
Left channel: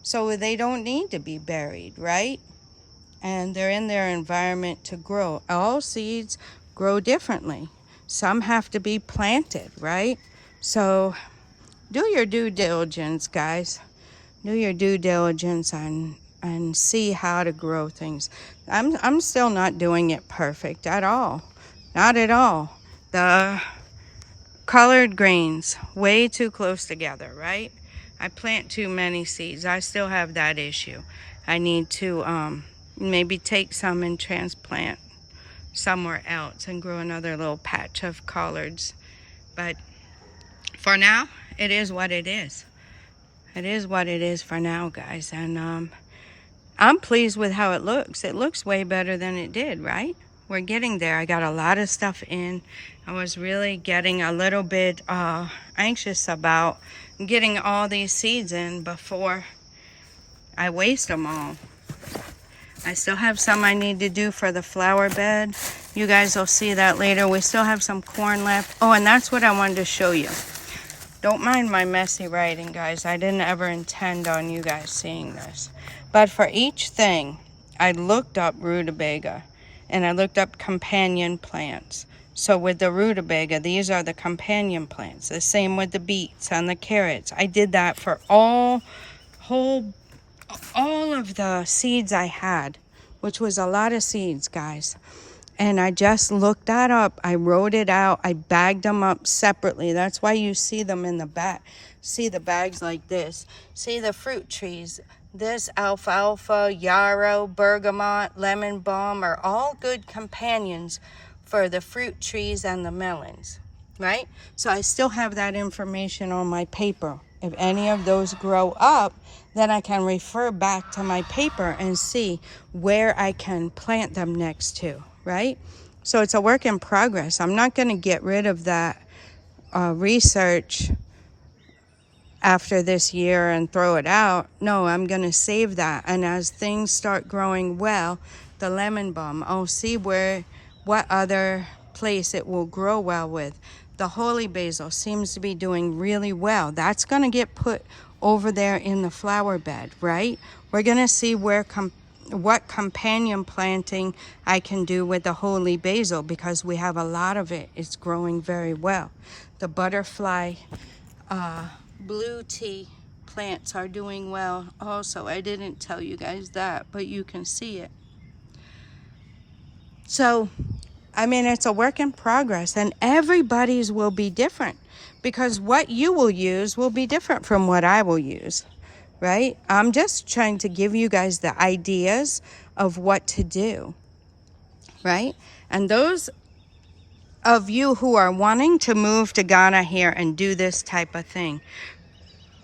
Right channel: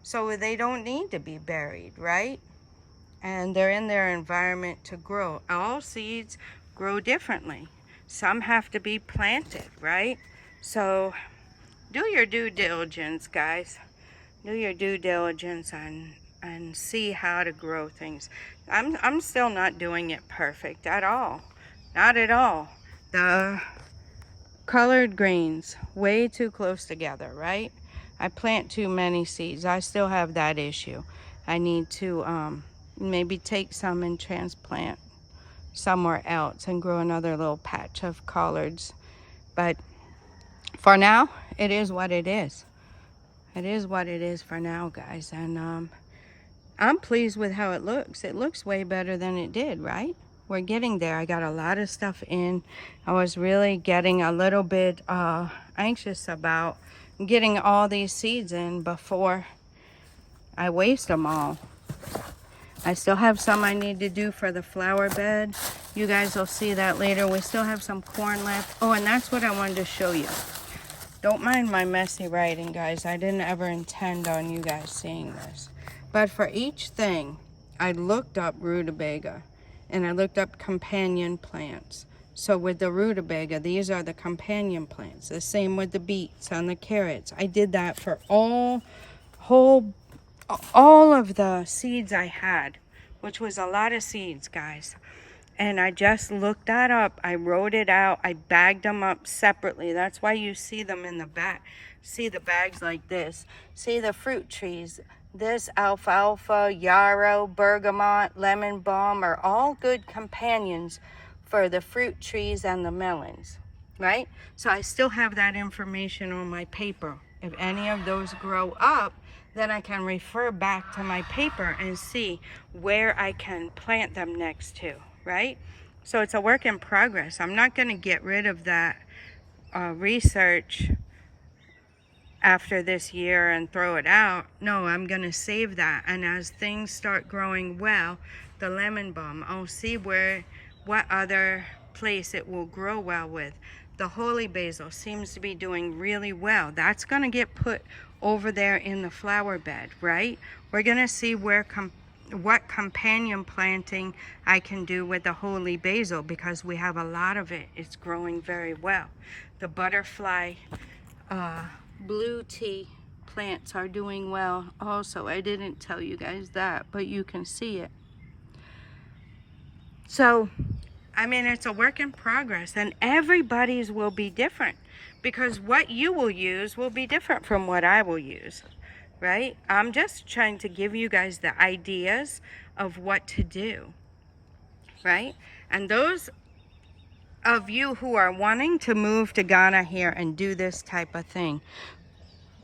So they don't need to be buried, right? And they're in their environment to grow. All seeds grow differently. Some have to be planted, right? So do your due diligence, guys. Do your due diligence and see how to grow things. I'm still not doing it perfect at all. Not at all. The colored greens, way too close together, right? I plant too many seeds. I still have that issue. I need to maybe take some and transplant somewhere else and grow another little patch of collards. But for now, it is what it is. It is what it is for now, guys. And I'm pleased with how it looks. It looks way better than it did, right? We're getting there. I got a lot of stuff in. I was really getting a little bit anxious about getting all these seeds in before I waste them all. I still have some I need to do for the flower bed. You guys will see that later. We still have some corn left. Oh, and that's what I wanted to show you. Don't mind my messy writing, guys. I didn't ever intend on you guys seeing this. But for each thing, I looked up rutabaga and I looked up companion plants. So with the rutabaga, these are the companion plants. The same with the beets and the carrots. I did that for all of the seeds I had, which was a lot of seeds, guys. And I just looked that up. I wrote it out. I bagged them up separately. That's why you see them in the back. See the bags like this. See the fruit trees. This alfalfa, yarrow, bergamot, lemon balm are all good companions for the fruit trees and the melons, right? So I still have that information on my paper. If any of those grow up, then I can refer back to my paper and see where I can plant them next to, right? So it's a work in progress. I'm not going to get rid of that research after this year and throw it out. No, I'm going to save that. And as things start growing well, the lemon balm, I'll see what other place it will grow well with. The holy basil seems to be doing really well. That's going to get put over there in the flower bed, right? We're going to see what companion planting I can do with the holy basil, because we have a lot of it. It's growing very well. The butterfly blue tea plants are doing well also. I didn't tell you guys that, but you can see it. So, I mean, it's a work in progress, and everybody's will be different, because what you will use will be different from what I will use, right? I'm just trying to give you guys the ideas of what to do, right? And those of you who are wanting to move to Ghana here and do this type of thing,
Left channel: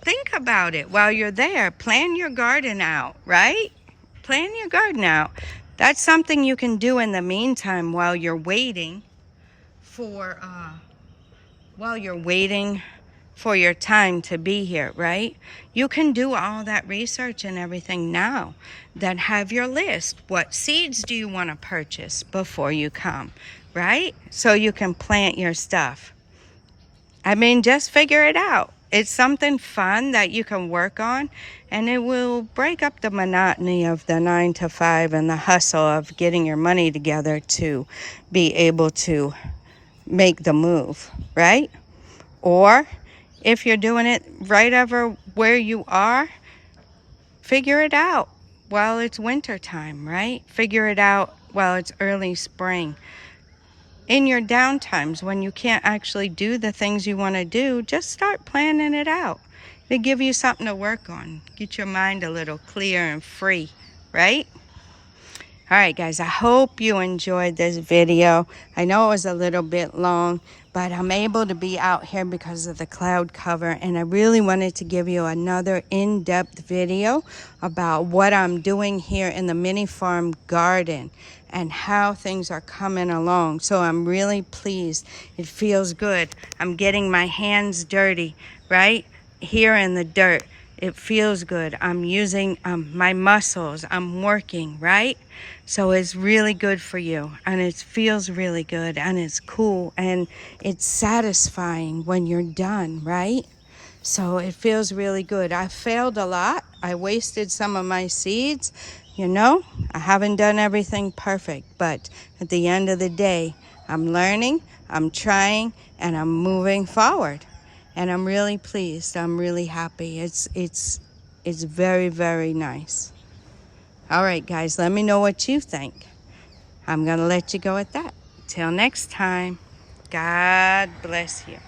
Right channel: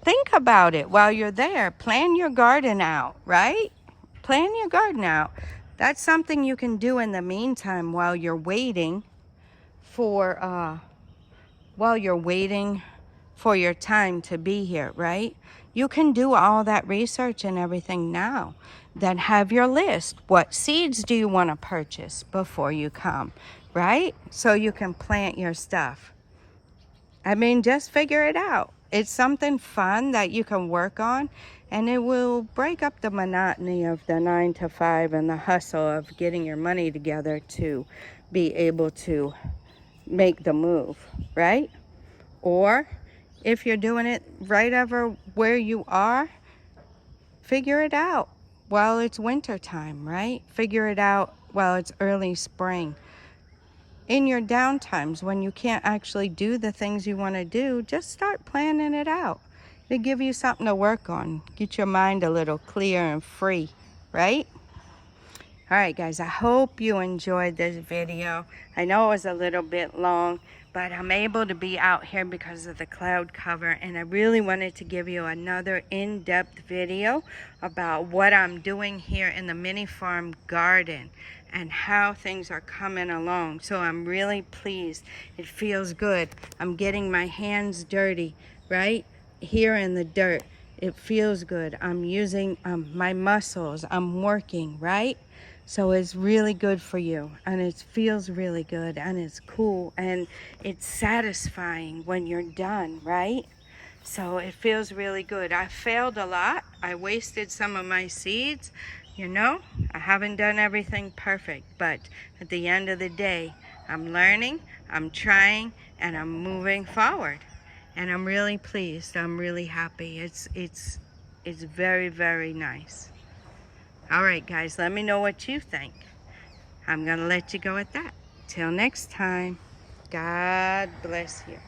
think about it while you're there. Plan your garden out, right? Plan your garden out. That's something you can do in the meantime while you're waiting for your time to be here, right? You can do all that research and everything now. Then have your list. What seeds do you want to purchase before you come, right? So you can plant your stuff. I mean, just figure it out. It's something fun that you can work on, and it will break up the monotony of the 9 to 5 and the hustle of getting your money together to be able to make the move, right? Or if you're doing it right over where you are, figure it out while it's winter time, right? Figure it out while it's early spring. In your downtimes, when you can't actually do the things you want to do, just start planning it out. It'll give you something to work on. Get your mind a little clear and free, right? All right, guys, I hope you enjoyed this video. I know it was a little bit long, but I'm able to be out here because of the cloud cover, and I really wanted to give you another in-depth video about what I'm doing here in the MiniFarm garden and how things are coming along. So I'm really pleased. It feels good. I'm getting my hands dirty, right? Here in the dirt. It feels good. I'm using my muscles. I'm working, right? So it's really good for you, and it feels really good, and it's cool, and it's satisfying when you're done, right? So it feels really good. I failed a lot. I wasted some of my seeds. You know, I haven't done everything perfect, but at the end of the day, I'm learning, I'm trying, and I'm moving forward. And I'm really pleased. I'm really happy. It's very, very nice. All right, guys, let me know what you think. I'm going to let you go at that. Till next time, God bless you.